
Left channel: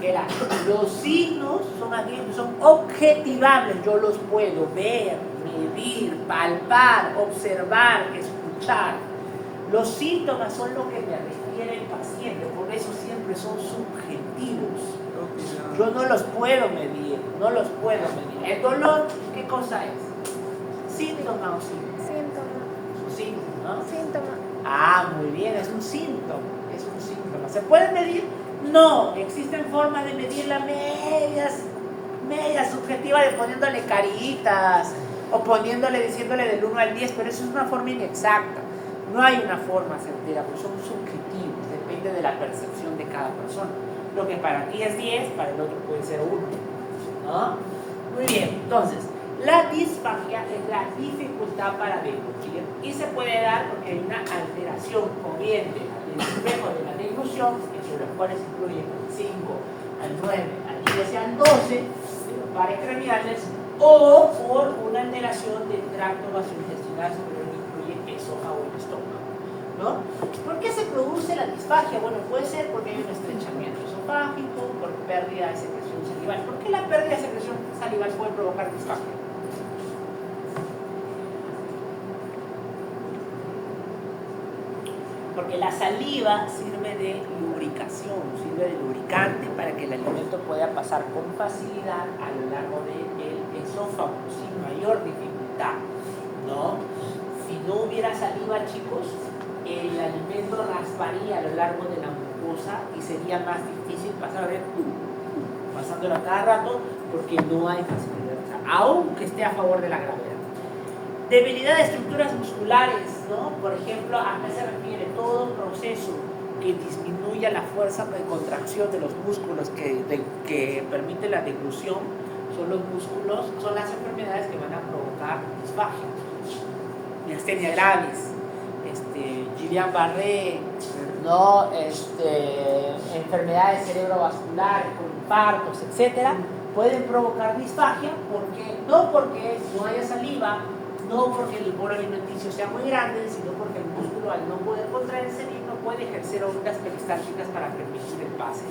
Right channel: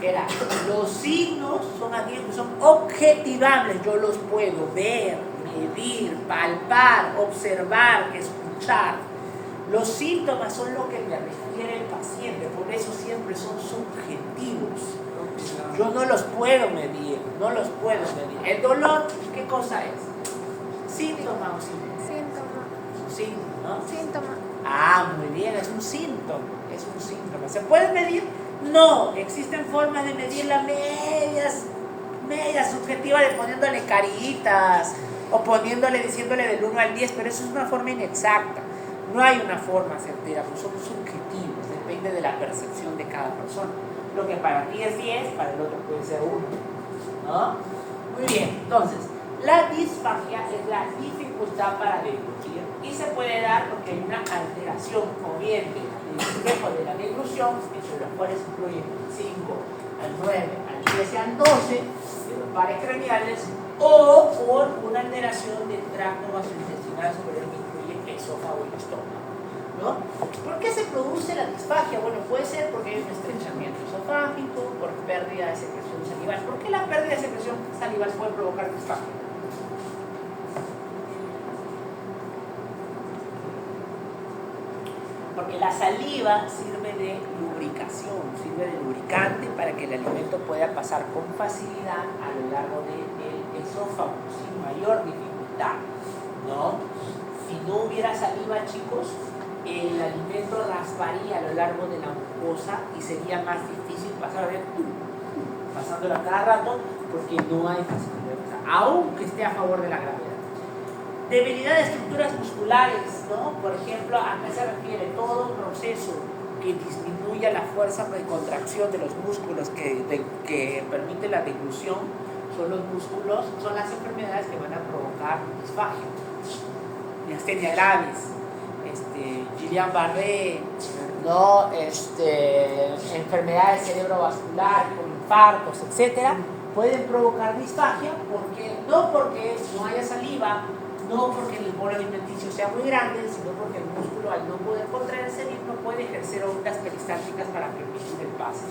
Que era, los signos son objetivables, yo los puedo ver, medir, palpar, observar, escuchar. Los síntomas son lo que me refiere el paciente, por eso siempre son subjetivos. Yo no los puedo medir, El dolor, ¿qué cosa es? ¿Síntoma o síntoma? Síntoma. Es un signo, ¿no? Síntoma. Ah, muy bien, es un síntoma. ¿Se puede medir? No, existen formas de medir las medias subjetivas, de poniéndole caritas o diciéndole del 1 al 10, pero eso es una forma inexacta. No hay una forma certera, pues son subjetivos, depende de la percepción de cada persona. Lo que para ti es 10, para el otro puede ser 1, ¿no? Muy bien, entonces, La disfagia es la dificultad para deglutir y se puede dar porque hay una alteración o bien del espejo de la deglución, entre los cuales incluyen 5 al 9, al 10 y al 12 de los pares craneales, o por una alteración del tracto gastrointestinal superior que incluye esófago y estómago, ¿no? ¿Por qué se produce la disfagia? Bueno, puede ser porque hay un estrechamiento esofágico, por pérdida de secreción salival. ¿Por qué la pérdida de secreción salival puede provocar disfagia? Porque la saliva sirve de lubricación, sirve de lubricante para que el alimento pueda pasar con facilidad a lo largo del esófago, sin mayor dificultad, ¿no? Si no hubiera saliva, chicos, el alimento rasparía a lo largo de la mucosa y sería más difícil pasar, a ver, pasándolo a cada rato, porque no hay facilidad, aunque esté a favor de la gravedad. Debilidad de estructuras musculares, ¿no? Por ejemplo, ¿a qué se refiere? Todo proceso que disminuya la fuerza de contracción de los músculos que permite la deglución son los músculos, son las enfermedades que van a provocar disfagia. Miastenia gravis, Guillain-Barré, ¿no? Enfermedades cerebrovasculares, con infartos, etcétera, pueden provocar disfagia no porque no haya saliva, no porque el bolo alimenticio sea muy grande, sino porque el músculo, al no poder contraerse bien, no puede ejercer ondas peristálticas para permitir el pase,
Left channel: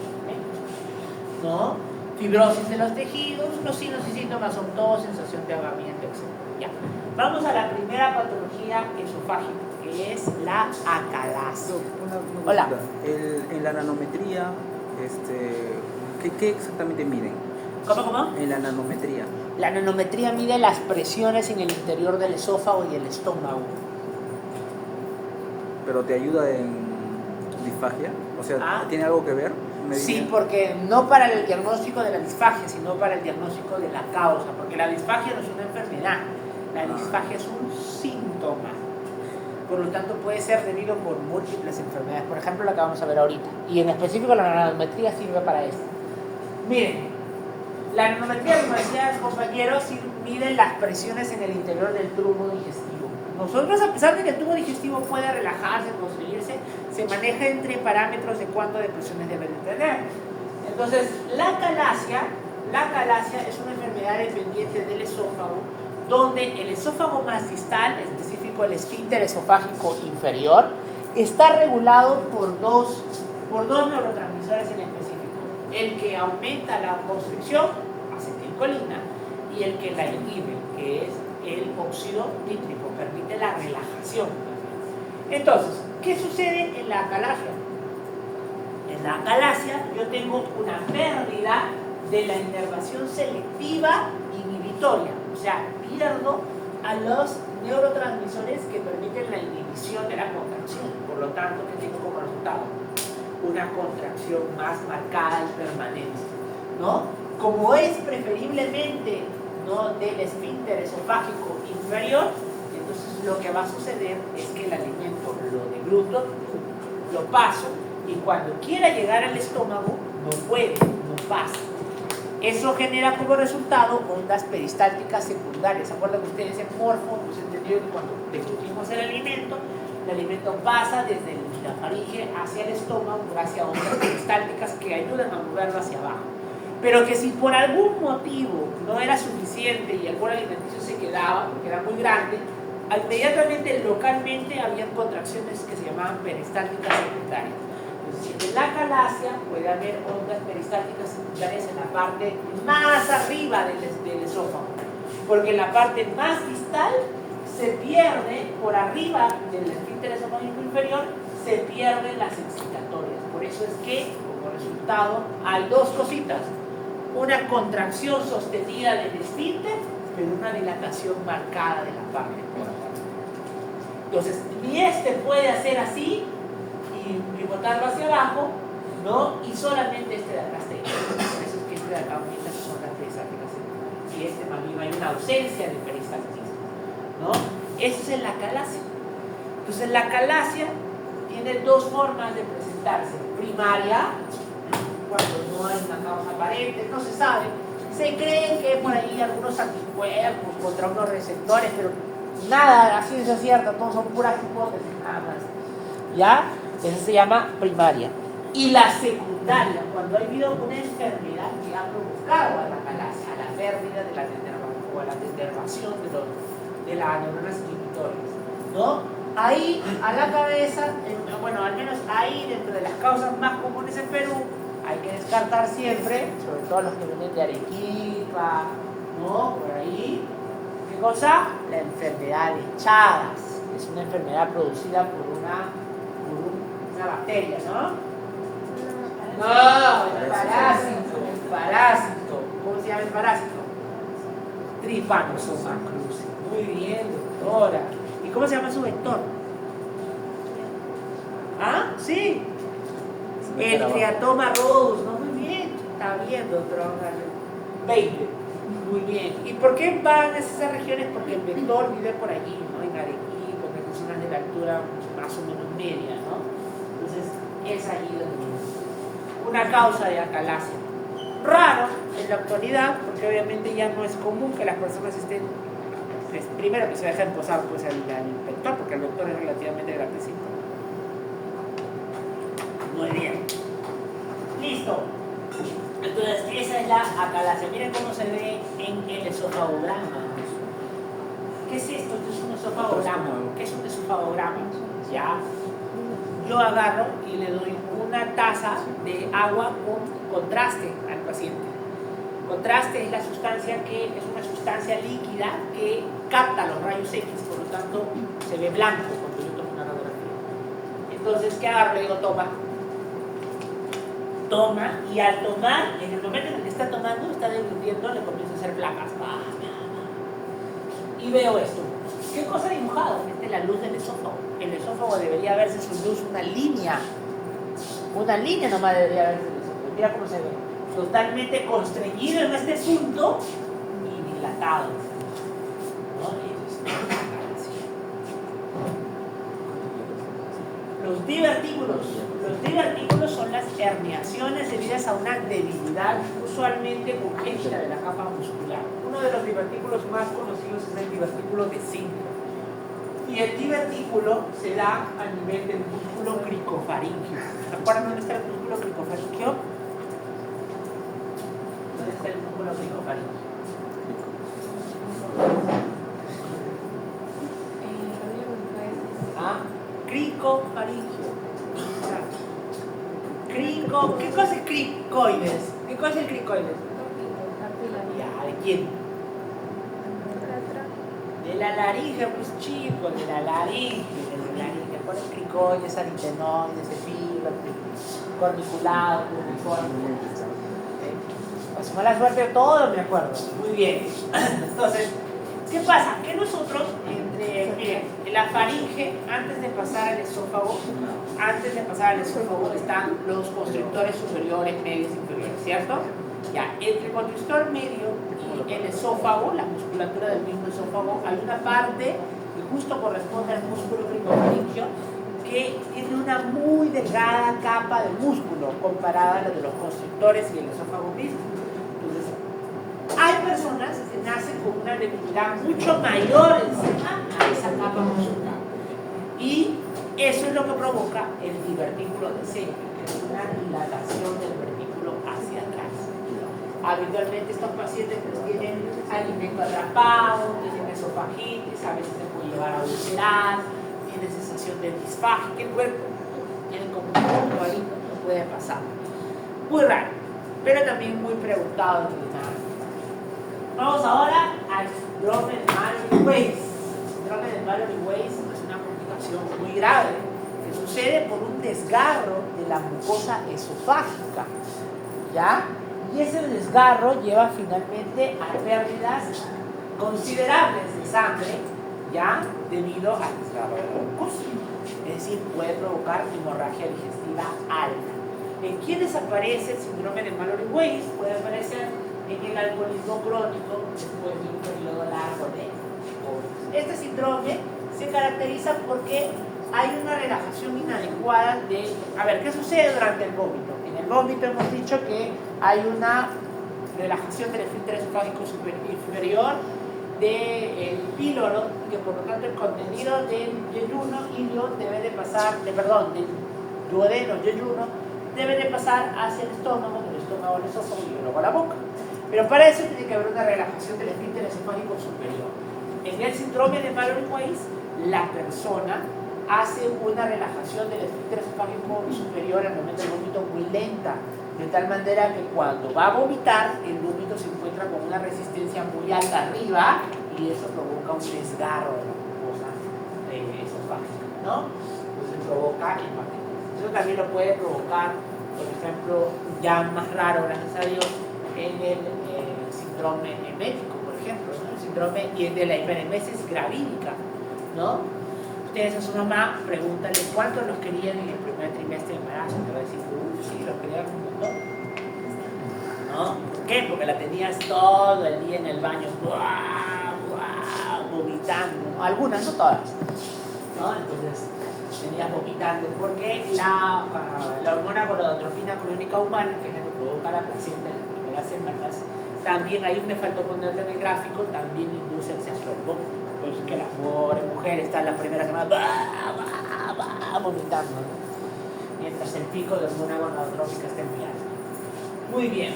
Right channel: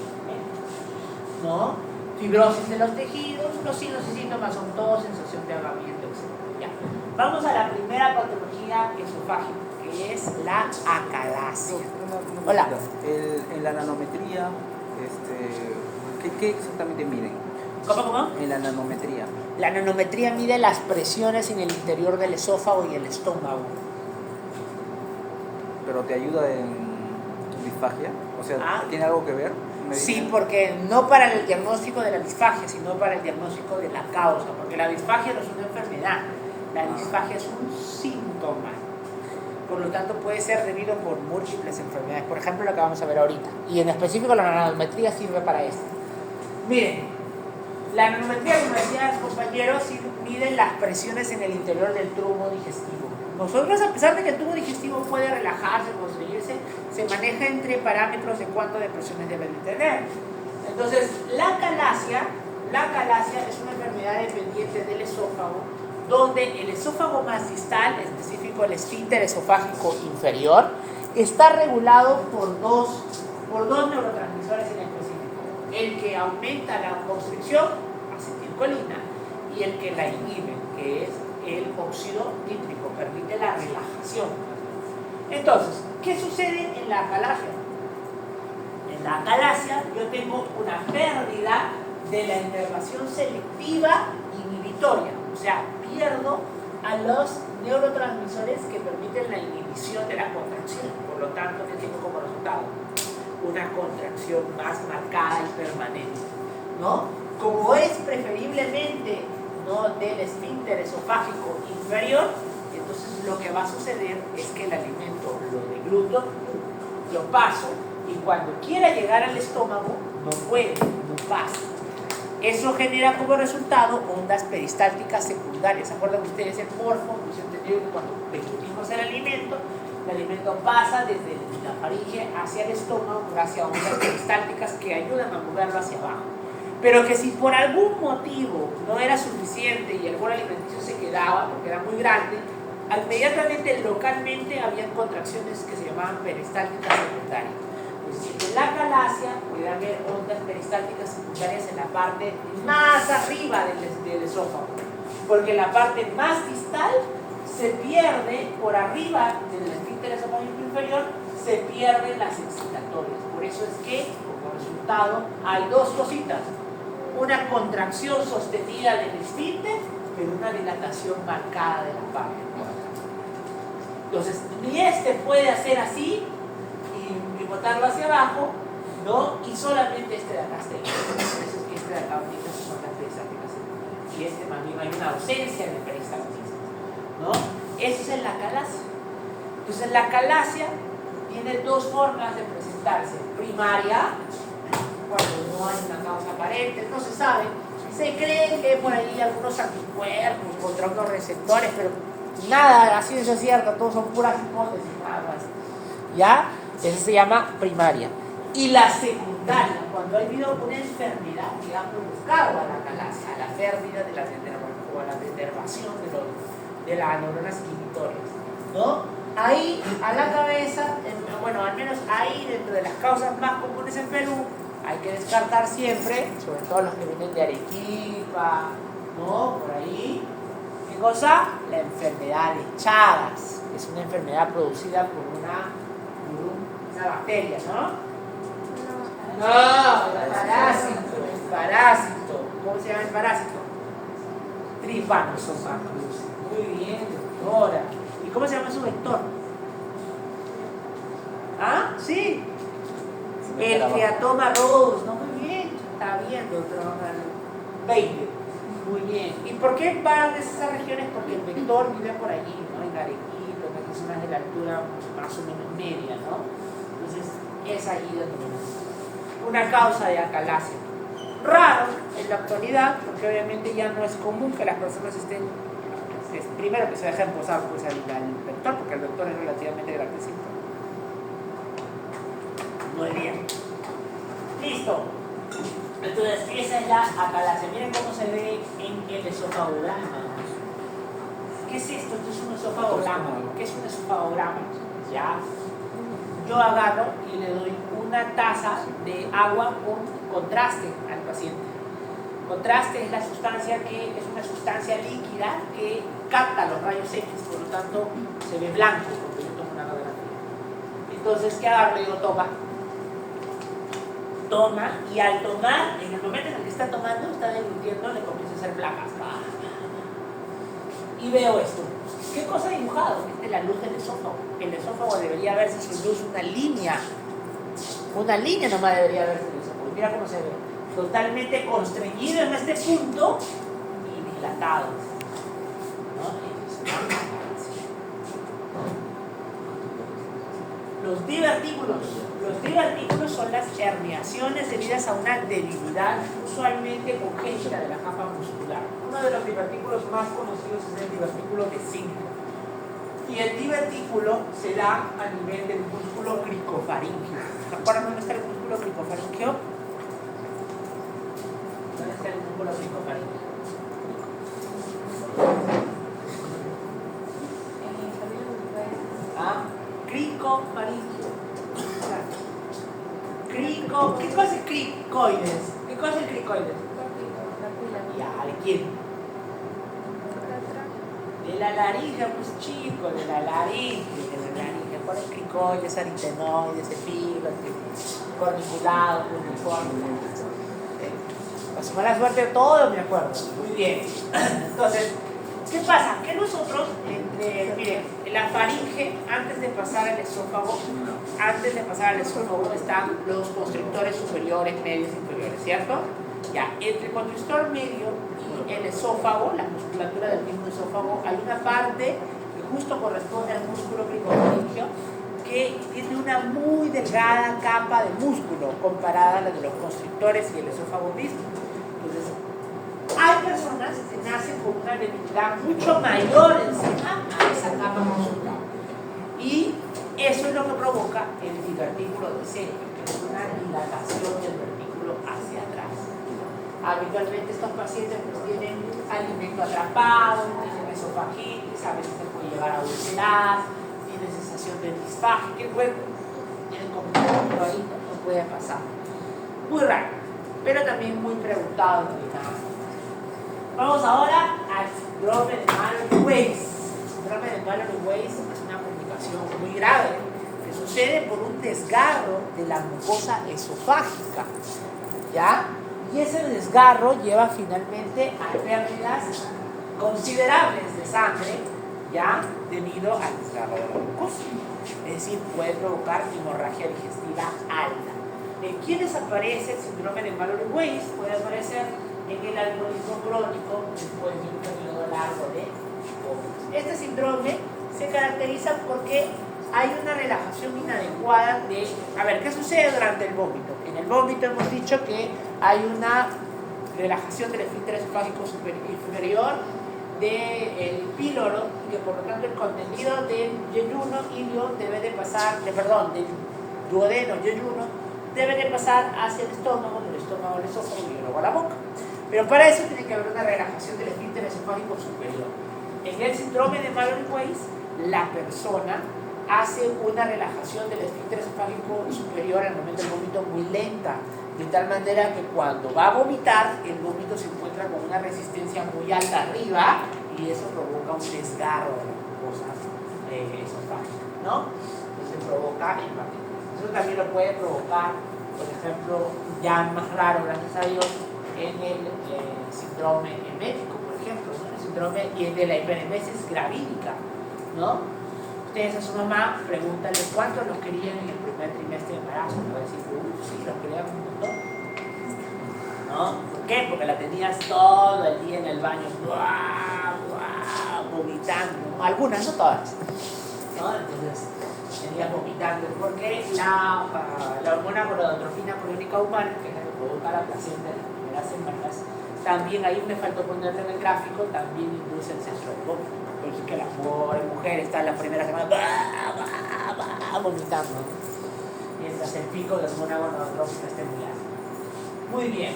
¿no? Fibrosis de los tejidos, los signos y síntomas son todos sensación de ahogamiento, etc. Ya. Vamos a la primera patología esofágica, que es la acalasia. Hola. En la nanometría, ¿qué exactamente miden? ¿Cómo? En la nanometría. La nanometría mide las presiones en el interior del esófago y el estómago. ¿Pero te ayuda en disfagia? O sea, ¿tiene algo que ver? Sí, porque no para el diagnóstico de la disfagia, sino para el diagnóstico de la causa, porque la disfagia no es una enfermedad, la disfagia es un síntoma. Por lo tanto, puede ser debido por múltiples enfermedades, por ejemplo, la que vamos a ver ahorita. Y en específico la nanometría sirve para esto. Miren, la nanometría, como decían los compañeros, mide las presiones en el interior del tubo digestivo. Nosotros, a pesar de que el tubo digestivo puede relajarse, construirse, se maneja entre parámetros de cuánto de presiones debe de tener. Entonces, la acalasia es una enfermedad dependiente del esófago, donde el esófago más distal, en específico el esfínter esofágico inferior, está regulado por dos neurotransmisores en específico. El que aumenta la constricción, acetilcolina, y el que la inhibe, que es el óxido nítrico, permite la relajación. Entonces, ¿qué sucede en la acalasia? En la acalasia yo tengo una pérdida de la inervación selectiva inhibitoria, o sea, pierdo a los neurotransmisores que permiten la inhibición de la contracción. Por lo tanto, ¿qué tengo como resultado? Una contracción más marcada y permanente, ¿no? Como es preferiblemente, ¿no?, del esfínter esofágico inferior, entonces lo que va a suceder es que el alimento lo degluto, lo paso, y cuando quiera llegar al estómago no puede, no pasa. Eso genera como resultado ondas peristálticas secundarias. ¿Se acuerdan ustedes el morfo? Pues entendido que cuando deglutimos el alimento pasa desde la faringe hacia el estómago gracias a ondas peristálticas que ayudan a moverlo hacia abajo. Pero que si por algún motivo no era suficiente y el bolo alimenticio se quedaba, porque era muy grande, inmediatamente localmente habían contracciones que se llamaban peristálticas secundarias. Entonces, en la acalasia puede haber ondas peristálticas secundarias en la parte más arriba del esófago, porque en la parte más distal se pierde, por arriba del esfínter esofágico inferior, se pierden las excitatorias. Por eso es que, como resultado, hay dos cositas: una contracción sostenida del esfínter, pero una dilatación marcada de la parte por acá. Entonces, ni este puede hacer así y botarlo hacia abajo, ¿no? Y solamente este de acá está ahí. Por eso es que este de acá, muchas son las peristálticas, y este más bien hay una ausencia de peristálticas, ¿no? Eso es en la acalasia. Entonces, la acalasia tiene dos formas de presentarse: primaria, cuando no hay una causa aparente, no se sabe. Se cree que por ahí algunos unos anticuerpos contra unos receptores, pero nada, la ciencia es cierta, todos son puras hipótesis, nada más. ¿Ya? Eso se llama primaria. Y la secundaria, cuando ha habido una enfermedad que ha provocado a la calasia, a la pérdida de la denervación o a la denervación de las neuronas inhibitores, ¿no? Ahí, a la cabeza, bueno, al menos ahí, dentro de las causas más comunes en Perú, hay que descartar siempre, sobre todo los que vienen de Arequipa, ¿no? Por ahí. ¿Qué cosa? La enfermedad de Chagas, que es una enfermedad producida por una bacteria, ¿no? No, el parásito. ¿Cómo se llama el parásito? Trypanosoma cruzi. Muy bien, doctora. ¿Y cómo se llama su vector? ¿Ah? Sí. El Teatoma rhodus. No, muy bien. Está bien, doctora. 20. Muy bien. ¿Y por qué van a esas regiones? Porque el vector vive por allí, ¿no? En Arequipa, en las zonas de la altura más o menos media, ¿no? Entonces, es allí donde viene. Una causa de acalasia. Raro en la actualidad, porque obviamente ya no es común que las personas estén, primero que se dejen posar pues al vector, porque el vector es relativamente grandecito. Muy bien. Listo. Entonces, esa es la acalasia. Miren cómo se ve en el esofagograma. ¿Qué es esto? Esto es un esofagograma. ¿Qué es un esofagograma? Ya. Yo agarro y le doy una taza de agua con contraste al paciente. Contraste es la sustancia que es una sustancia líquida que capta los rayos X, por lo tanto se ve blanco cuando yo tomo una radiografía. Entonces, ¿qué agarro? Le digo, toma, y al tomar, en el momento en el que está tomando, está deglutiendo, le comienza a hacer placas. Y veo esto. ¿Qué cosa ha dibujado? Esta es la luz del esófago. El esófago debería verse su luz, una línea. Una línea nomás debería verse el esófago. Mira cómo se ve. Totalmente constreñido en este punto y dilatado. ¿No? Los divertículos son las herniaciones debidas a una debilidad usualmente congénita de la capa muscular. Uno de los divertículos más conocidos es el divertículo de cinco. Y el divertículo se da a nivel del músculo cricofaringio. ¿Se acuerdan dónde está el músculo cricofaringio? ¿Dónde está el músculo cricofaringio? ¿Ah? Cricofaringio. ¿Qué cosa es cricoides? ¿Qué cosa es cricoides? Ya, ¿de quién? De la laringe, pues chico, de la laringe. ¿Cuál es cricoides, aritenoides, epígrafe, corniculado, uniforme? Pues mala suerte todo, me acuerdo. Muy bien. Entonces, ¿qué pasa? Que nosotros, miren, la faringe, antes de pasar al esófago, están los constrictores superiores, medios, inferiores, ¿cierto? Ya, entre el constrictor medio y el esófago, la musculatura del mismo esófago, hay una parte que justo corresponde al músculo cricofaringio, que tiene una muy delgada capa de músculo comparada a la de los constrictores y el esófago mismo. Entonces, hay personas que nacen con una debilidad mucho mayor encima a esa capa muscular. Y eso es lo que provoca el divertículo de C, que es una dilatación del vertículo hacia atrás. Habitualmente estos pacientes pues, tienen alimento atrapado, tienen esofagitis, a veces se puede llevar a ulcerar, tienen sensación de disfagia, que el cuerpo tiene como un punto ahí, no puede pasar. Muy raro, pero también muy preguntado. Vamos ahora al síndrome de Mallory-Weiss. El síndrome de Mallory-Weiss es una complicación muy grave que sucede por un desgarro de la mucosa esofágica, ¿ya? Y ese desgarro lleva finalmente a pérdidas considerables de sangre, ¿ya? Debido al desgarro de la mucosa. Es decir, puede provocar hemorragia digestiva alta. ¿En quiénes aparece el síndrome de Mallory-Weiss? Puede aparecer en el alcoholismo crónico después de un periodo largo de COVID. Este síndrome se caracteriza porque hay una relajación inadecuada de... A ver, ¿qué sucede durante el vómito? En el vómito hemos dicho que hay una relajación del esfínter esofágico inferior del píloro, y que por lo tanto el contenido del yeyuno ilio debe de pasar, del duodeno yeyuno debe de pasar hacia el estómago, del estómago al esófago y luego a la boca. Pero para eso tiene que haber una relajación del esfínter esofágico superior. En el síndrome de Mallory-Weiss, la persona hace una relajación del esfínter esofágico superior al momento del vómito muy lenta, de tal manera que cuando va a vomitar, el vómito se encuentra con una resistencia muy alta arriba y eso provoca un desgarro de la mucosa esofágica, ¿no? Entonces provoca hepatitis. Eso también lo puede provocar, por ejemplo, ya más raro, gracias a Dios, en el síndrome emético, por ejemplo, ¿no? El síndrome de la hiperemesis gravídica, ¿no? Ustedes a su mamá, pregúntale cuántos los querían en el primer trimestre de embarazo. Te va a decir, sí, los querían un montón. ¿No? ¿Por qué? Porque la tenías todo el día en el baño, vomitando. ¿No? Algunas, no todas. ¿No? Entonces, tenías vomitando. Porque la hormona gonadotropina coriónica humana, que es la que provoca la placenta en las primeras semanas, también hay un me faltó poner en el gráfico, también induce el sexo del vómito. Por eso es que la pobre mujer está en la primera semana vomitando, ¿no? Mientras el pico de hormona gonadotrópica esté muy alto. Muy bien.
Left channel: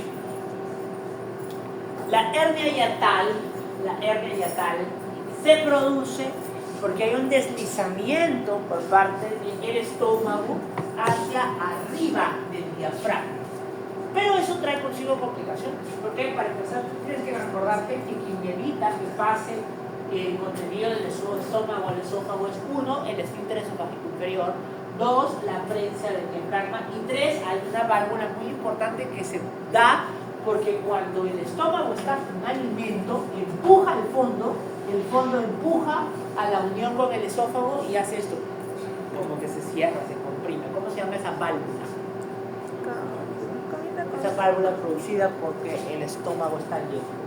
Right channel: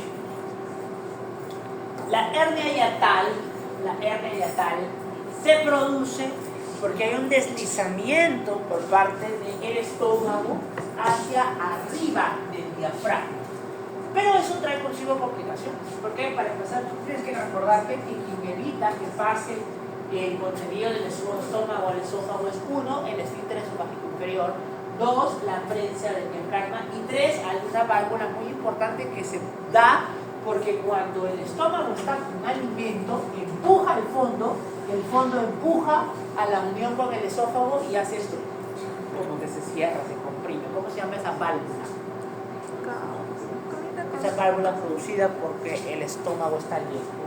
La hernia hiatal se produce porque hay un deslizamiento por parte del estómago hacia arriba del diafragma. Pero eso trae consigo complicaciones. Porque para empezar, tienes que recordarte que quien evita que pase el contenido del estómago al esófago es 1, el esfínter esofágico inferior, 2, la prensa del diafragma, y 3, hay una válvula muy importante que se da porque cuando el estómago está con alimento, empuja al fondo, el fondo empuja a la unión con el esófago y hace esto, como que se cierra, se comprime. ¿Cómo se llama esa válvula? Esa válvula producida porque el estómago está lleno.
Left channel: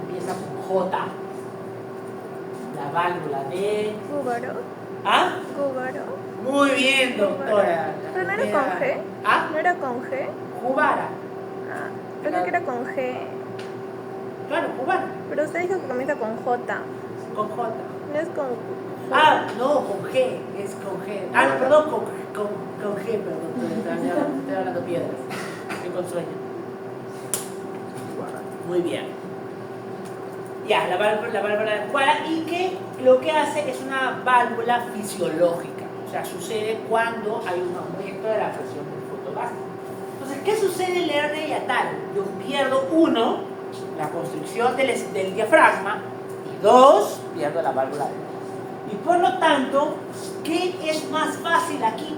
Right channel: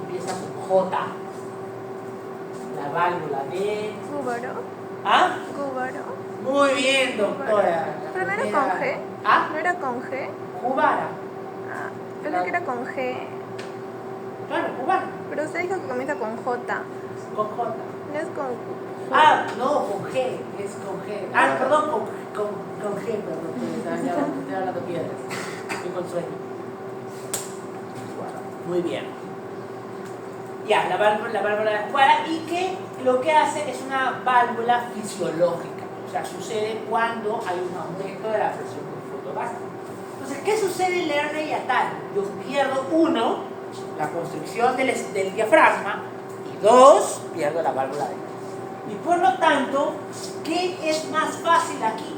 Empieza con J, la válvula de Gúbaro. ¿Ah? Gúbaro. Muy bien, doctora. ¿Pero no era con G? ¿Ah? ¿No era con G? Jubara. Ah, pensé que era con G. Claro, Jubara. Pero usted dijo que comienza con J. Con J. No es con... Ah, no, con G. Es con G. Ah, perdón, con G, perdón. Estoy hablando piedras. Estoy con sueño. Muy bien. Ya, la válvula de Jubara, y que lo que hace es una válvula fisiológica. O sea, sucede cuando hay un aumento de la presión del fondo gástrico. Entonces, ¿qué sucede en la hernia hiatal? Yo pierdo 1, la constricción del diafragma, y 2, pierdo la válvula de Jubara. Y por lo tanto, ¿qué es más fácil aquí?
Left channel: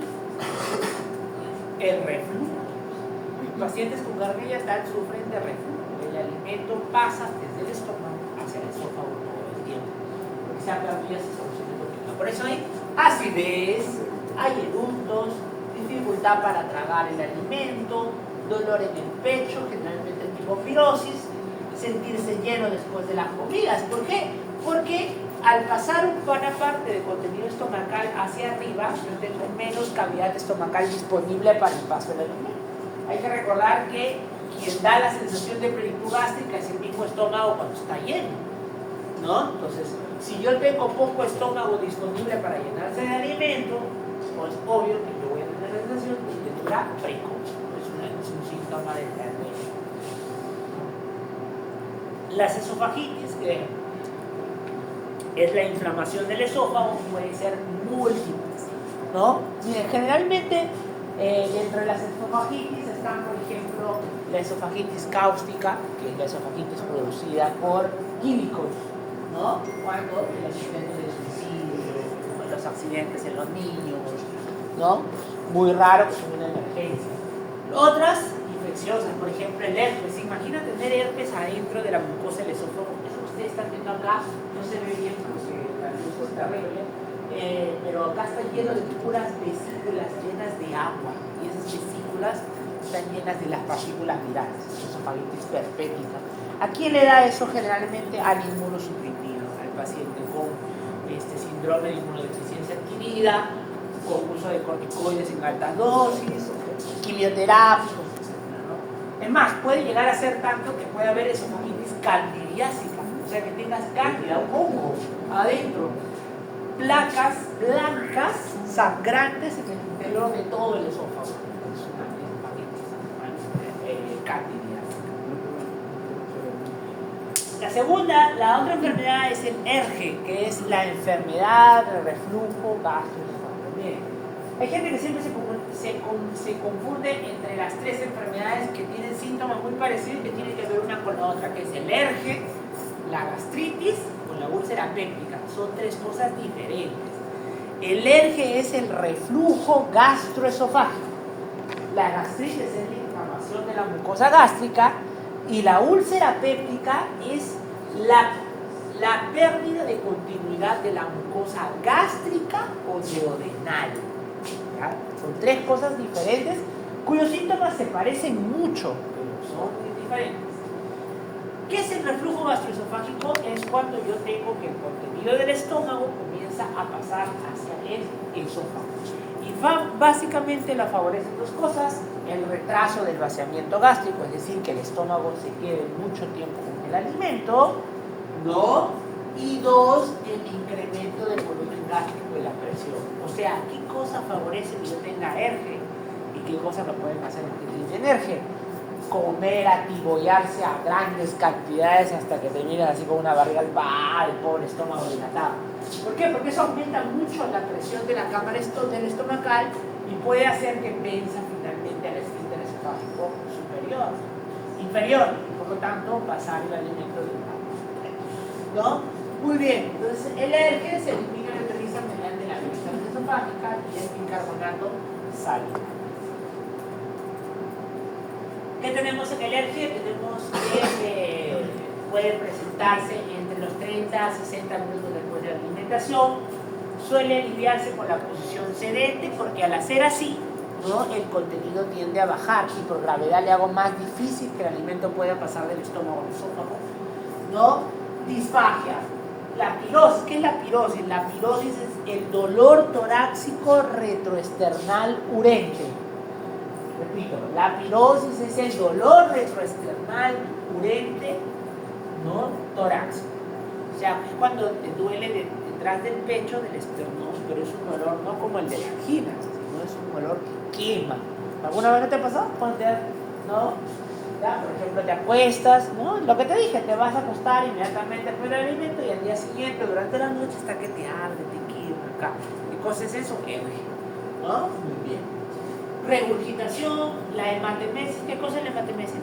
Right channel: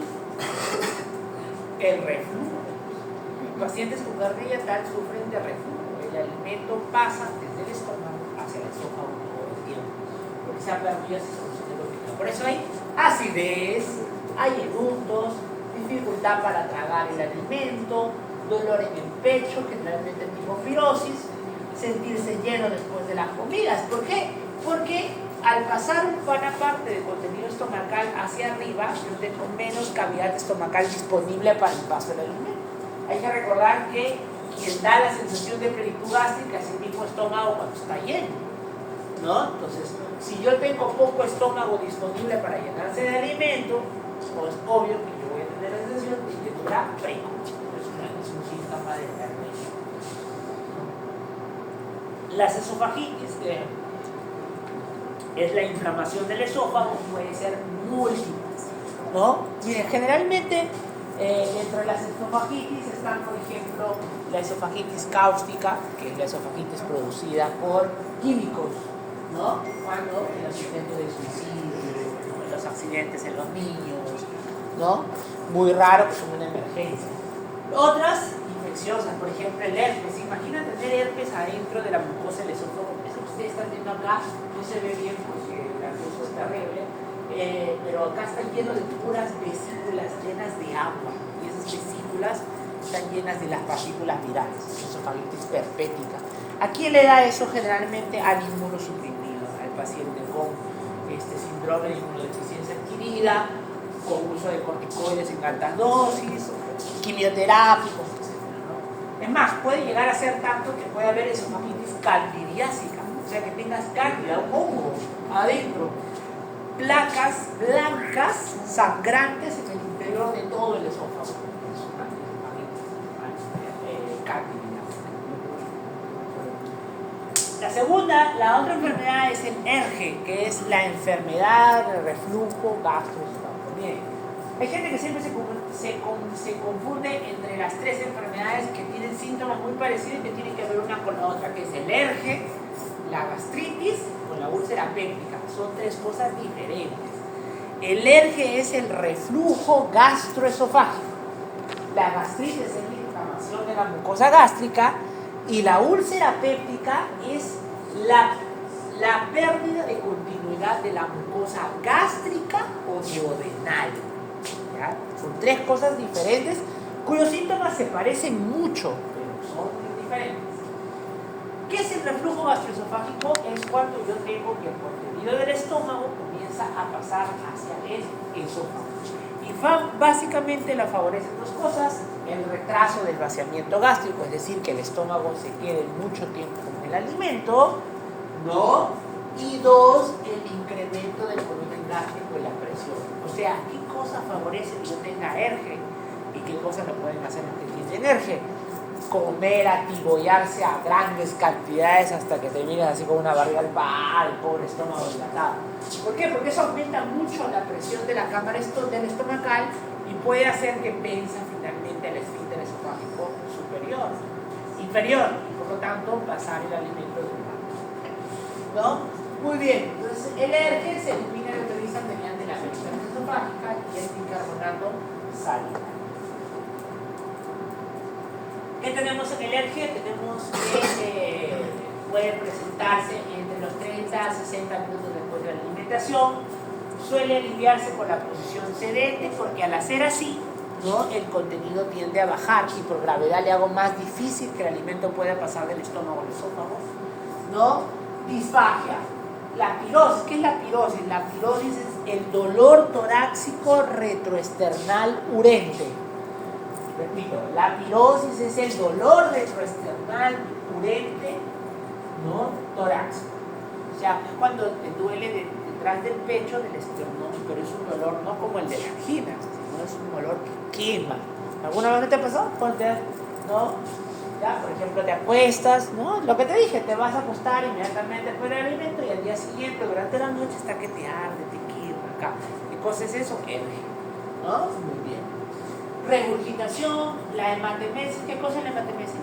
El reflujo. Los pacientes con hernia hiatal sufren de reflujo. El alimento pasa desde el estómago hacia el esófago todo el tiempo, porque se ha perdido esa solución de lo que... Por eso hay acidez, hay eructos, dificultad para tragar el alimento, dolor en el pecho, generalmente tipo pirosis, sentirse lleno después de las comidas. ¿Por qué? Porque al pasar buena parte del contenido estomacal hacia arriba, yo tengo menos cavidad estomacal disponible para el paso del alimento. Hay que recordar que quien da la sensación de plenitud gástrica es el mismo estómago cuando está lleno, ¿no? Entonces, si yo tengo poco estómago disponible para llenarse de alimento, pues obvio que yo voy a tener la sensación de textura precoz. Es un síntoma de la hernia. Las esofagitis, que es la inflamación del esófago, puede ser múltiples, ¿no? Miren, generalmente entre las esofagitis están, por ejemplo, la esofagitis cáustica, que es la esofagitis producida por químicos, ¿no? Cuando el intento de suicidio, los accidentes en los niños, ¿no? Muy raro que son una emergencia. Otras infecciosas, por ejemplo, el herpes. Imagina tener herpes adentro de la mucosa del esófago. Eso que ustedes están viendo acá no se ve bien porque la luz es terrible. Pero acá está lleno de puras vesículas llenas de agua, y esas vesículas están llenas de las partículas virales, esofagitis perpética. ¿A quién le da eso? Generalmente al inmunosuprimido, al paciente con síndrome de inmunodeficiencia adquirida, con uso de corticoides en altas dosis, quimioterapias, etc., ¿no? Es más, puede llegar a ser tanto que puede haber esofagitis candidiásica, o sea que tengas cándida, un hongo adentro, placas blancas sangrantes en el interior de todo el esófago. Es una esofagitis candidiásica. La otra enfermedad es el ERGE, que es la enfermedad de reflujo gastroesofágico. Miren, hay gente que siempre se confunde entre las tres enfermedades que tienen síntomas muy parecidos y que tienen que ver una con la otra, que es el ERGE, la gastritis con la úlcera péptica. Son tres cosas diferentes. El ERGE es el reflujo gastroesofágico. La gastritis es la inflamación de la mucosa gástrica y la úlcera péptica es la pérdida de continuidad de la mucosa gástrica o duodenal. ¿Ya? Son tres cosas diferentes cuyos síntomas se parecen mucho, pero son diferentes. ¿Qué es el reflujo gastroesofágico? Es cuando yo tengo que el contenido del estómago comienza a pasar hacia el esófago. Y básicamente la favorecen dos cosas: el retraso del vaciamiento gástrico, es decir, que el estómago se quede mucho tiempo con el alimento, ¿no? Y dos, el incremento del volumen gástrico y la presión. O sea, ¿qué cosa favorece que yo tenga ERGE? ¿Y qué cosas lo pueden hacer los que tienen ERGE? Comer, atibollarse a grandes cantidades hasta que terminan así con una barriga de el pobre estómago dilatado. ¿Por qué? Porque eso aumenta mucho la presión de la cámara del estomacal y puede hacer que pense finalmente el esfínter esofágico inferior, y por lo tanto pasar el alimento del lado. ¿No? Muy bien, entonces el ERGE se elimina y neutraliza mediante la peristalsis esofágica y el bicarbonato salival. ¿Qué tenemos en el ERGE? Tenemos que puede presentarse entre los 30 a 60 minutos después de la alimentación. Suele aliviarse con la posición sedente porque al hacer así, ¿no?, el contenido tiende a bajar y por gravedad le hago más difícil que el alimento pueda pasar del estómago al esófago, ¿no? Disfagia. La pirosis, ¿qué es la pirosis? La pirosis es el dolor torácico retroesternal urente. Repito, la pirosis es el dolor retroesternal urente, ¿no?, torácico. O sea, es cuando te duele detrás del pecho, del esternón, pero es un dolor no como el de la angina, sino es un dolor que quema. ¿Alguna vez te ha pasado? ¿No? Ya, por ejemplo, te acuestas, ¿no? Lo que te dije, te vas a acostar inmediatamente después del alimento y al día siguiente, durante la noche, hasta que te arde, te quiebra acá. ¿Qué cosa es eso? ERGE, ¿no? Muy bien. Regurgitación, la hematemesis. ¿Qué cosa es la hematemesis?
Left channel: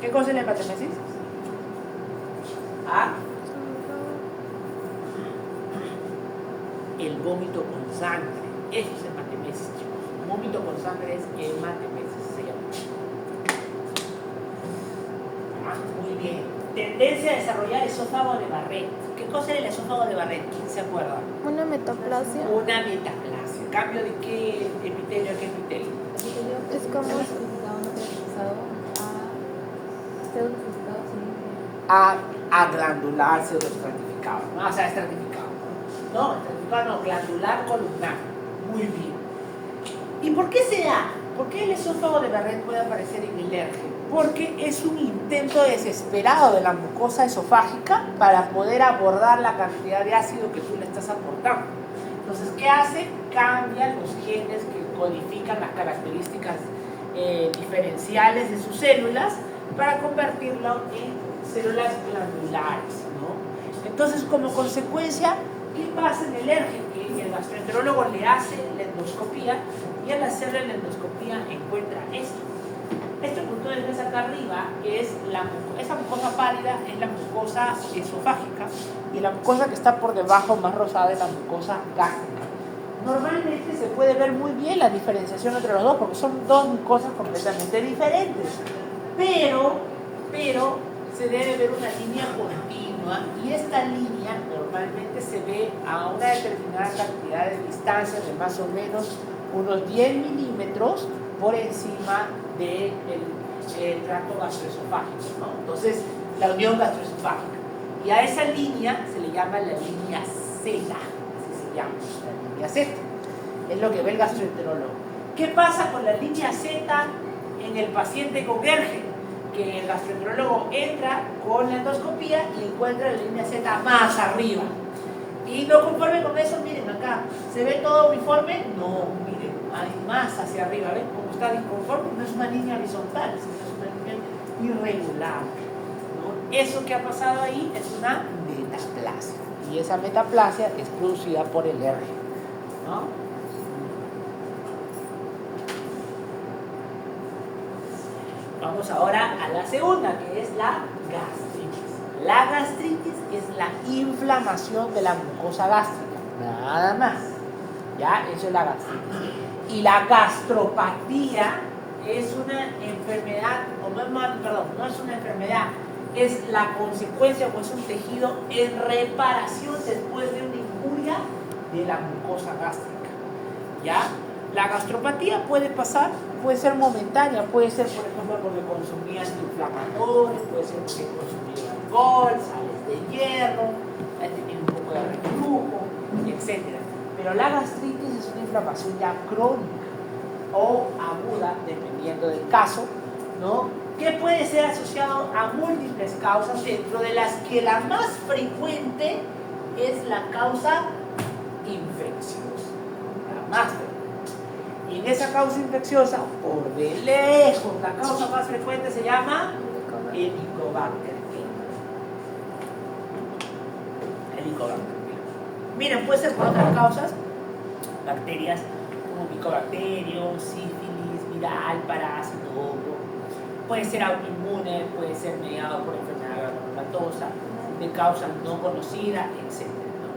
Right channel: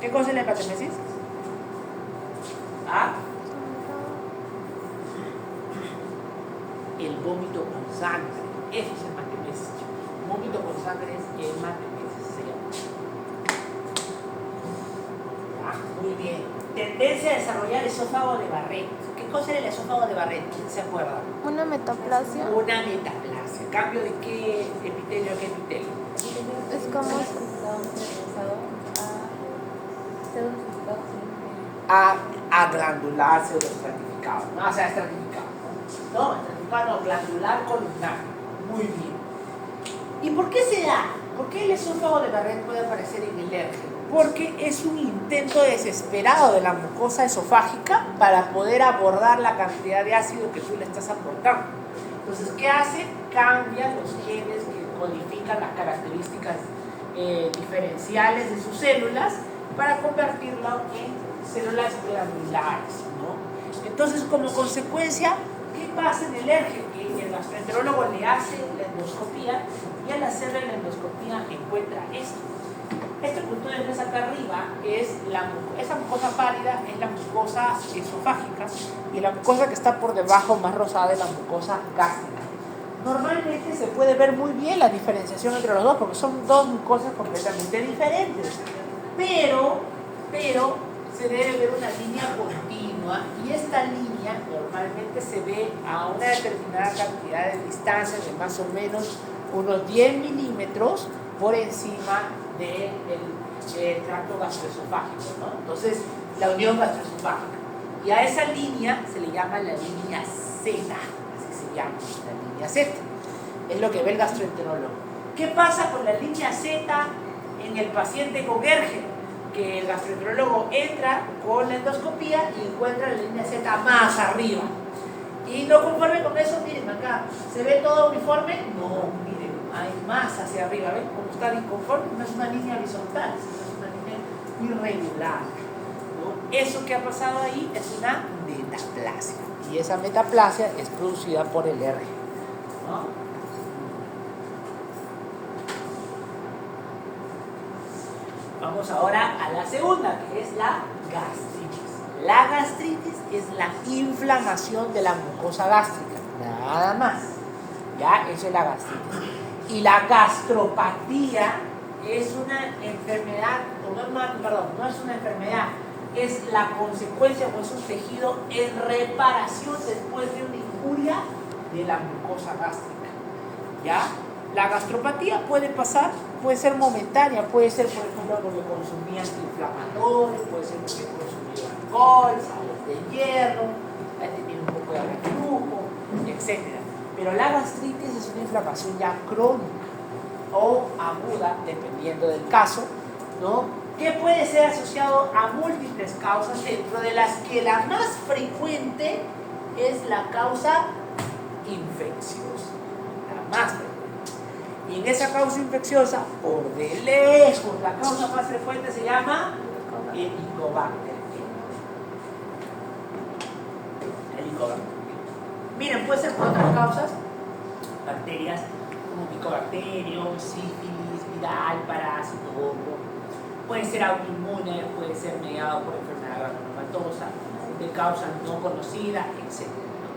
¿Qué cosa es la hematemesis? ¿Ah? El vómito con sangre. Eso es hematemesis. El vómito con sangre es hematemesis, se llama. Muy bien. Tendencia a desarrollar esófago de Barrett. ¿Qué cosa era el esófago de Barrett? ¿Quién se acuerda? Una metaplasia. Una metaplasia. ¿Cambio de qué epitelio a qué epitelio? Es como a glandular pseudoestratificado, ¿no? O sea, estratificado, ¿no? No, estratificado no, glandular columnar. Muy bien. ¿Y por qué se da? ¿Por qué el esófago de Barrett puede aparecer en el ERGE? Porque es un intento desesperado de la mucosa esofágica para poder abordar la cantidad de ácido que tú le estás aportando. Entonces, ¿qué hace? Cambian los genes que codifican las características diferenciales de sus células para convertirlo en células glandulares, ¿no? Entonces, como consecuencia, ¿qué pasa en el ERGE? Que el gastroenterólogo le hace la endoscopía y al hacerle la endoscopía encuentra esto. Este punto que ves acá arriba es esa mucosa pálida es la mucosa esofágica y la mucosa que está por debajo, más rosada, es la mucosa gástrica. Normalmente se puede ver muy bien la diferenciación entre los dos porque son dos mucosas completamente diferentes, pero se debe ver una línea continua y esta línea normalmente se ve a una determinada cantidad de distancia de más o menos unos 10 milímetros por encima del tracto gastroesofágico, ¿no? Entonces, la unión gastroesofágica. Y a esa línea se le llama la línea Z, así se llama, la línea Z. Es lo que ve el gastroenterólogo. ¿Qué pasa con la línea Z en el paciente con Gergen, que el gastroenterólogo entra con la endoscopía y encuentra la línea Z más arriba. Y no conforme con eso, miren acá, ¿se ve todo uniforme? No, miren, hay más hacia arriba, ¿ven? Como está inconforme, no es una línea horizontal, sino es una línea irregular, ¿no? Eso que ha pasado ahí es una metaplasia. Y esa metaplasia es producida por el R, ¿no? Vamos ahora a la segunda, que es la gastritis. La gastritis es la inflamación de la mucosa gástrica, nada más. ¿Ya? Eso es la gastritis. Y la gastropatía es una enfermedad, no es una enfermedad, es la consecuencia o es un tejido en reparación después de una injuria de la mucosa gástrica. ¿Ya? La gastropatía puede pasar, puede ser momentánea, puede ser, por ejemplo, porque consumí antiinflamatorios, puede ser porque consumí alcohol, sales de hierro, ha tenido un poco de reflujo, etc. Pero la gastritis es una inflamación ya crónica o aguda, dependiendo del caso, ¿no? Que puede ser asociado a múltiples causas, dentro de las que la más frecuente es la causa infecciosa, la más frecuente. Y en esa causa infecciosa, por de lejos, la causa más frecuente se llama Helicobacter. Helicobacter. Miren, puede ser por otras causas, bacterias como micobacterium, sífilis, viral, parásito, hongo. Puede ser autoinmune, puede ser mediado por enfermedad granulomatosa, de causa no conocida, etc.